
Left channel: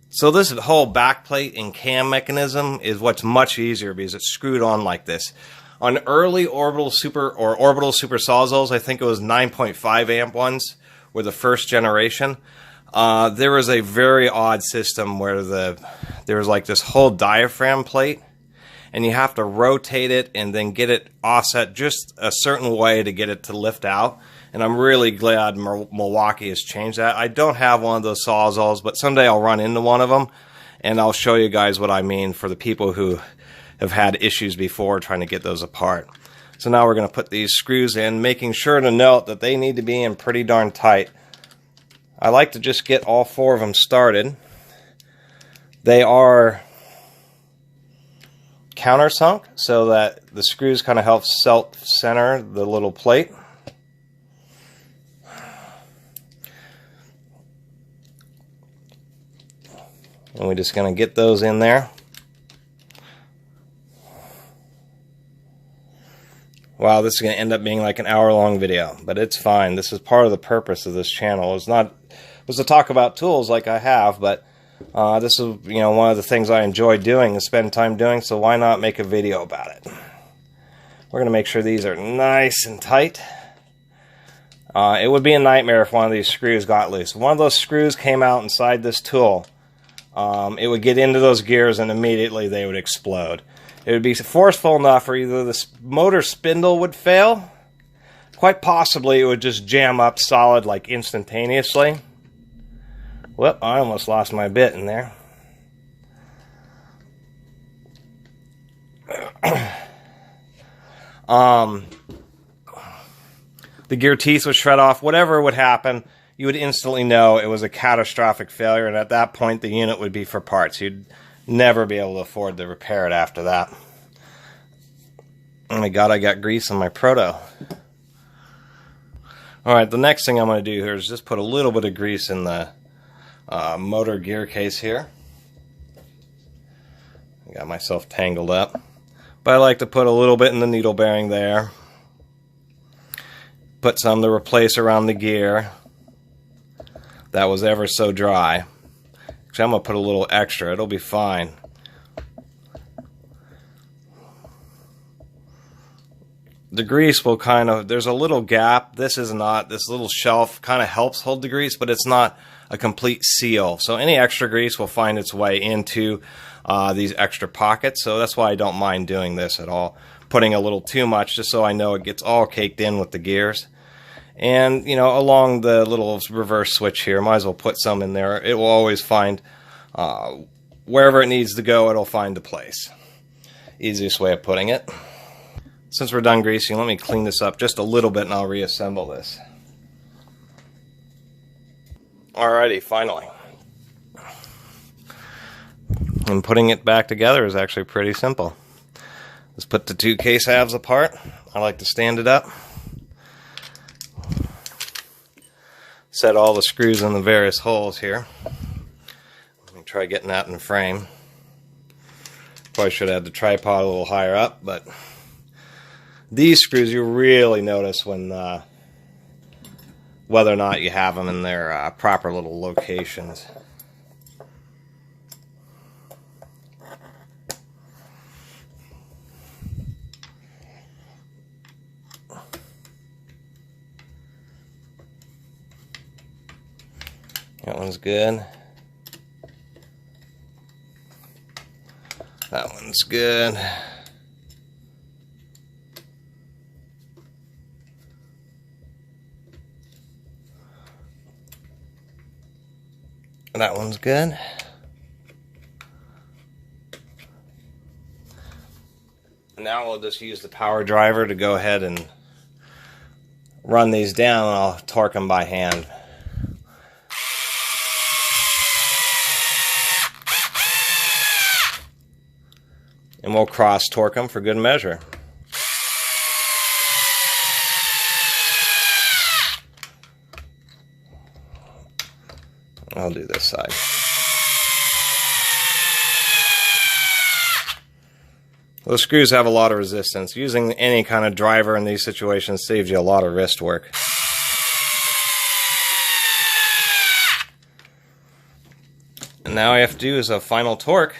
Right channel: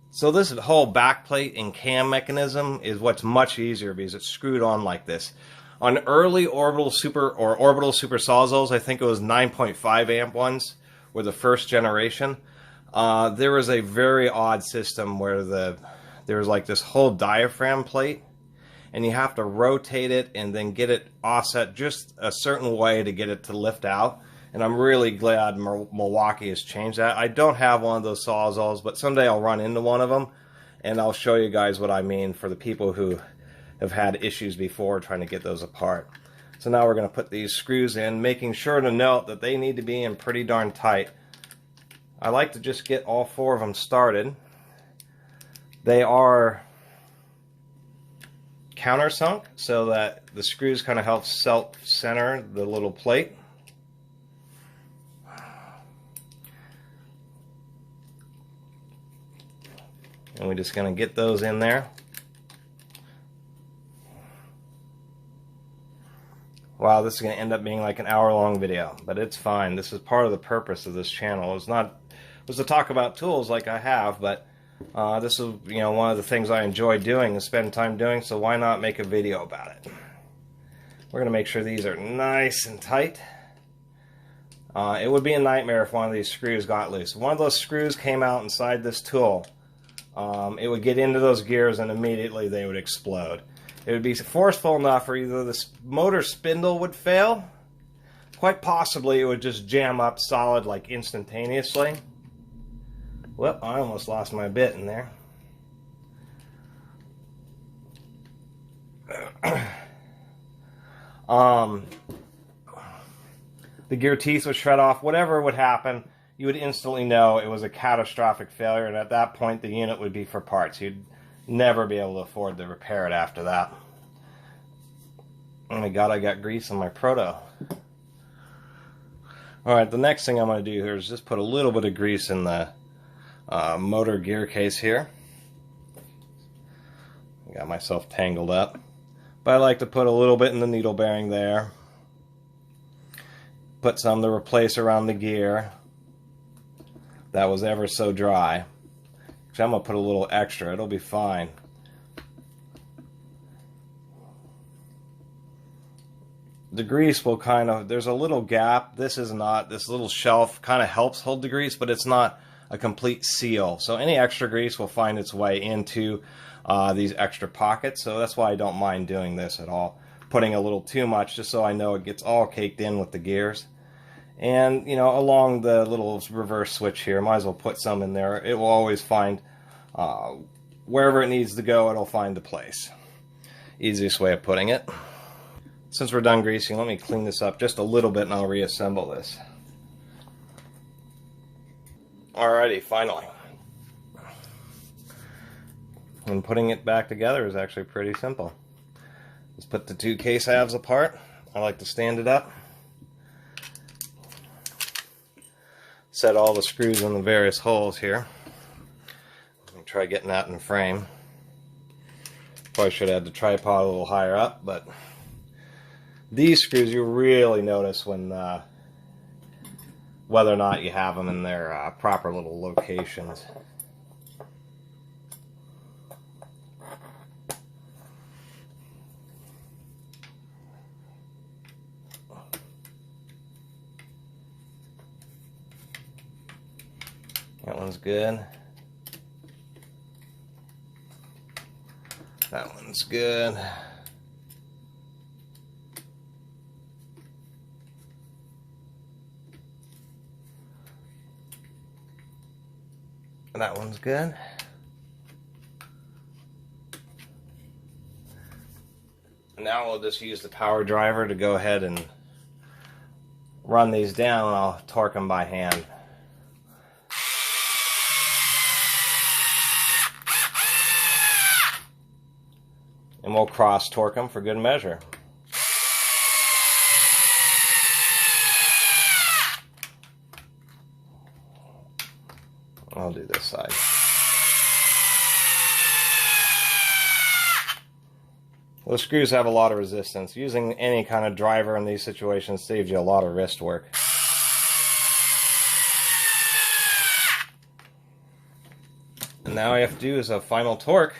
So this whole back plate and cam mechanism is what's much easier because it's screwed on like this. On early Orbital Super Sawzalls, I think it was 9.5 amp ones, were the first generation. There was a very odd system where there was like this whole diaphragm plate, and you have to rotate it and then get it offset just a certain way to get it to lift out. And I'm really glad Milwaukee has changed that. I don't have one of those Sawzalls, but someday I'll run into one of them, and I'll show you guys what I mean for the people who have had issues before trying to get those apart. So now we're going to put these screws in, making sure to note that they need to be in pretty darn tight. I like to just get all four of them started. They are countersunk so that the screws kind of help center the little plate. And we're just going to get those in there. Wow, this is going to end up being like an hour-long video, but it's fine. This is part of the purpose of this channel. It was to talk about tools like I have, but this is, you know, one of the things I enjoy doing and spend time doing, so why not make a video about it? We're going to make sure these are nice and tight. It would be a nightmare if one of these screws got loose. If one of those screws came out inside this tool, it would get into those gears and immediately they would explode. It would be forceful enough or either the motor spindle would fail, quite possibly it would just jam up solid like instantaneously. Whoop, I almost lost my bit in there. The gear teeth would shred off. Whatever would happen, you would instantly know it was a catastrophic failure, and at that point the unit would be for parts. You'd never be able to afford to repair it after that. Oh my god, I got grease on my proto. Alright, the next thing I'm going to do here is just put a little bit of grease in the motor gear case here. I got myself tangled up. But I like to put a little bit in the needle bearing there. Put some to replace around the gear. That was ever so dry. Actually, I'm going to put a little extra. It'll be fine. The grease will kind of, there's a little gap. This little shelf kind of helps hold the grease, but it's not a complete seal. So any extra grease will find its way into these extra pockets. So that's why I don't mind doing this at all. Putting a little too much just so I know it gets all caked in with the gears. And, you know, along the little reverse switch here, might as well put some in there. It will always find, wherever it needs to go, it'll find a place. Easiest way of putting it. Since we're done greasing, let me clean this up just a little bit and I'll reassemble this. Alrighty, finally. And putting it back together is actually pretty simple. Just put the two case halves apart. I like to stand it up. set all the screws in the various holes here. I'll try getting that in the frame. Probably should have had the tripod a little higher up, but these screws you really notice when whether or not you have them in their proper little locations. That one's good. That one's good. That one's good. Now we'll just use the power driver to go ahead and run these down, and I'll torque them by hand. And we'll cross torque them for good measure. I'll do this side. Those screws have a lot of resistance. Using any kind of driver in these situations saves you a lot of wrist work. And now all you have to do is a final torque.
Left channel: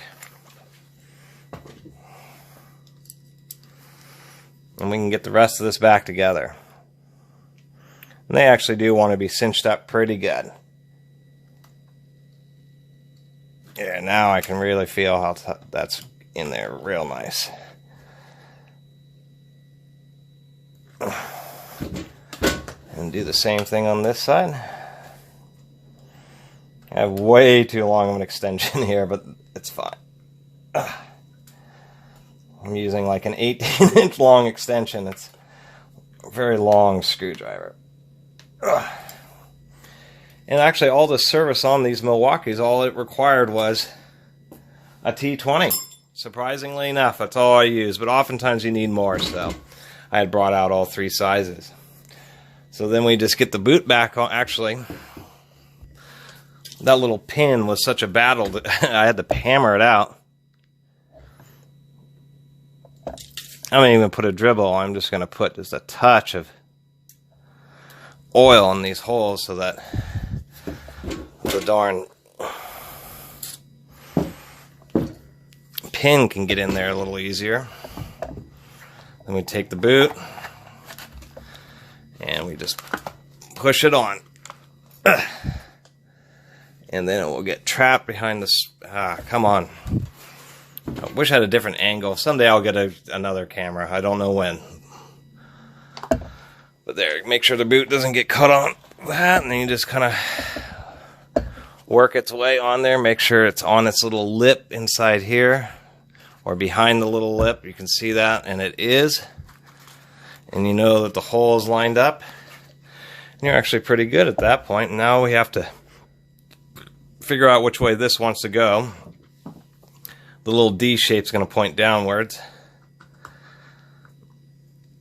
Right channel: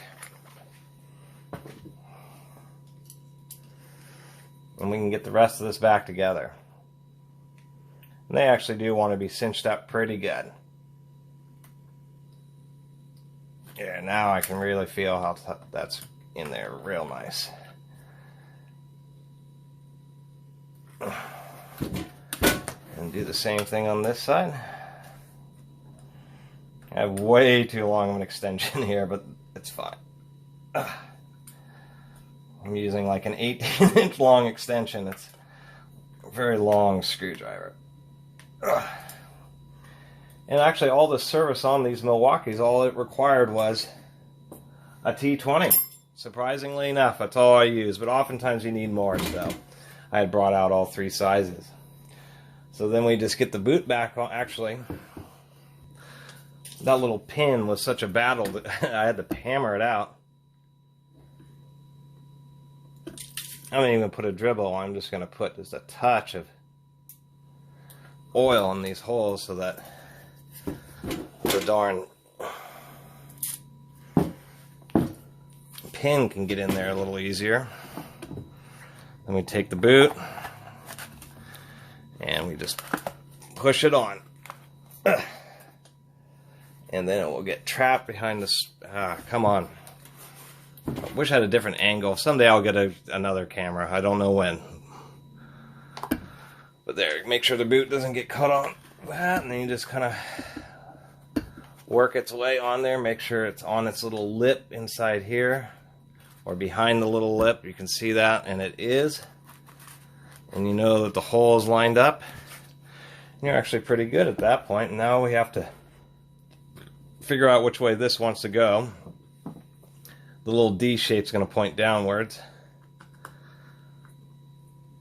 And we can get the rest of this back together. And they actually do want to be cinched up pretty good. Yeah, now I can really feel how that's in there real nice. And do the same thing on this side. I have way too long of an extension here, but it's fine. I'm using like an 18-inch long extension. It's a very long screwdriver. And actually, all the service on these Milwaukees, all it required was a T20. Surprisingly enough, that's all I use. But oftentimes you need more, so I had brought out all three sizes. So then we just get the boot back on. Actually, that little pin was such a battle that I had to hammer it out. I'm not even put a dribble. I'm just going to put just a touch of oil in these holes so that the darn pin can get in there a little easier. Then we take the boot and we just push it on. And then it will get trapped behind this. Come on. I wish I had a different angle. Someday I'll get another camera. I don't know when. But there, make sure the boot doesn't get cut on that, and then you just kind of work its way on there. Make sure it's on its little lip inside here, or behind the little lip. You can see that, and it is. And you know that the hole is lined up. And you're actually pretty good at that point. And now we have to figure out which way this wants to go. The little D shape's going to point downwards.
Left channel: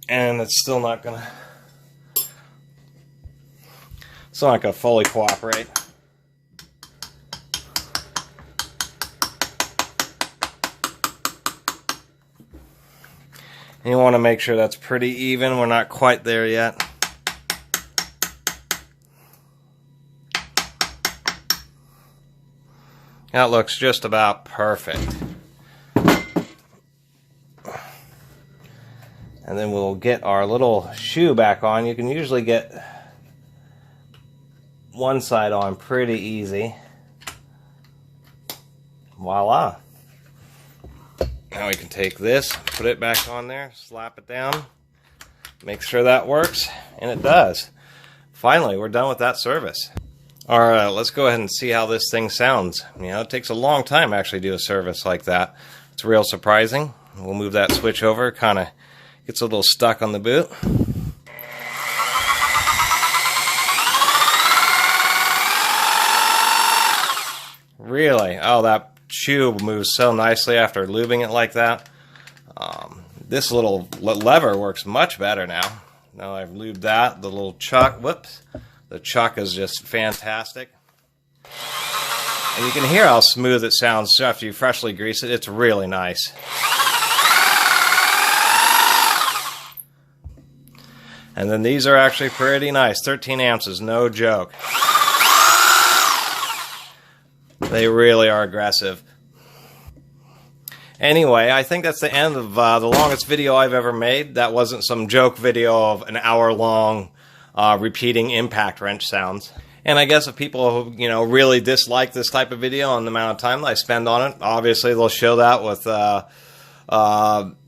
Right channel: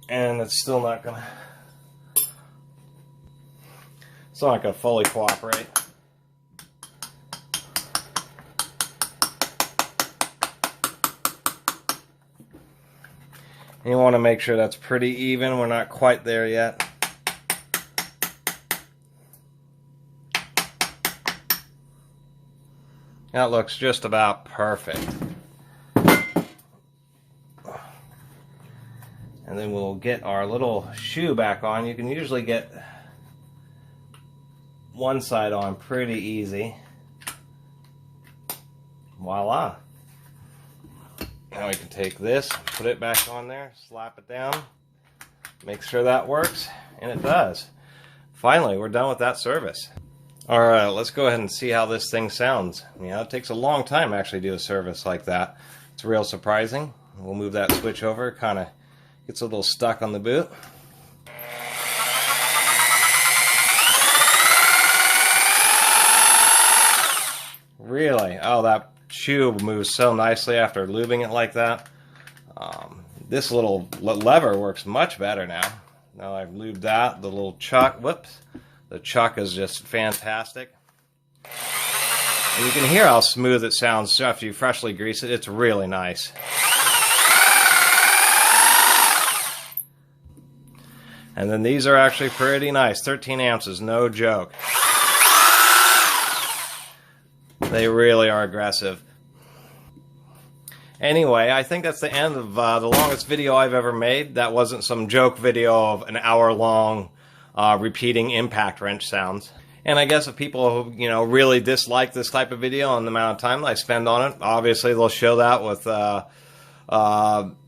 And it's still not going to fully cooperate. And you want to make sure that's pretty even. We're not quite there yet. That looks just about perfect. And then we'll get our little shoe back on. You can usually get one side on pretty easy. Voila. Now we can take this, put it back on there, slap it down, make sure that works, and it does. Finally, we're done with that service. Alright, let's go ahead and see how this thing sounds. You know, it takes a long time to actually do a service like that. It's real surprising. We'll move that switch over, kind of gets a little stuck on the boot. Really? Oh, that shoe moves so nicely after lubing it like that. This little lever works much better now. Now I've lubed that, the little chuck, whoops, The chuck is just fantastic. And you can hear how smooth it sounds after you freshly grease it. It's really nice. And then these are actually pretty nice. 13 ounces, no joke. They really are aggressive. Anyway, I think that's the end of the longest video I've ever made. That wasn't some joke video of an hour-long repeating impact wrench sounds. And I guess if people, you know, really dislike this type of video and the amount of time that I spend on it, obviously they'll show that with,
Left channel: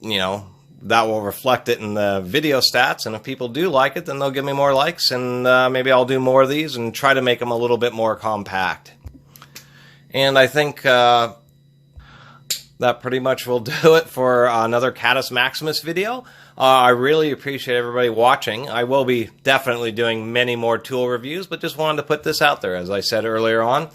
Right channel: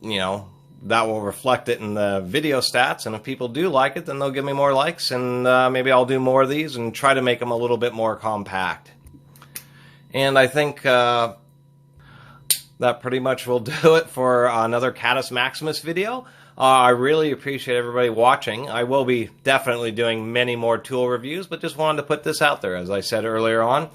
you know, that will reflect it in the video stats. And if people do like it, then they'll give me more likes, and maybe I'll do more of these and try to make them a little bit more compact. And I think that pretty much will do it for another Catus Maximus video. I really appreciate everybody watching. I will be definitely doing many more tool reviews, but just wanted to put this out there, as I said earlier on.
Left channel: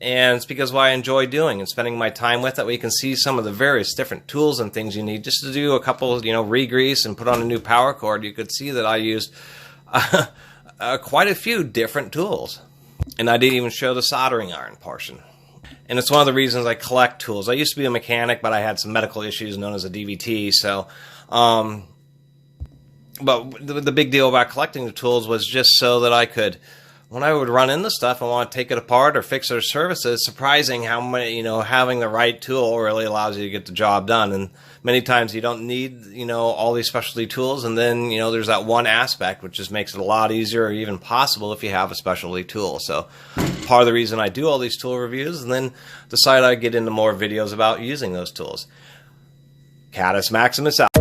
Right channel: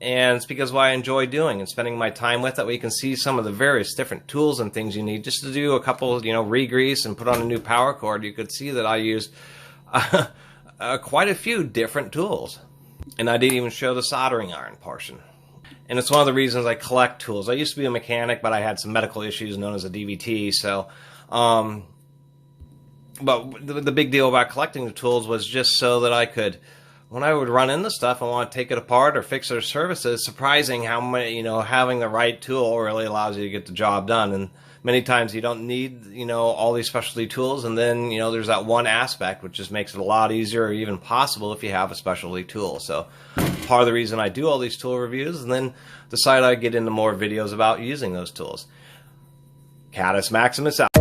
And it's because of what I enjoy doing and spending my time with it. We can see some of the various different tools and things you need just to do a couple, you know, re-grease and put on a new power cord. You could see that I used quite a few different tools. And I didn't even show the soldering iron portion. And it's one of the reasons I collect tools. I used to be a mechanic, but I had some medical issues known as a DVT, so... but the big deal about collecting the tools was just so that I could, when I would run into stuff and want to take it apart or fix it or service it, it's surprising how many, you know, having the right tool really allows you to get the job done. And many times you don't need, you know, all these specialty tools, and then, you know, there's that one aspect which just makes it a lot easier or even possible if you have a specialty tool. So part of the reason I do all these tool reviews, and then decide I get into more videos about using those tools. Catus Maximus out.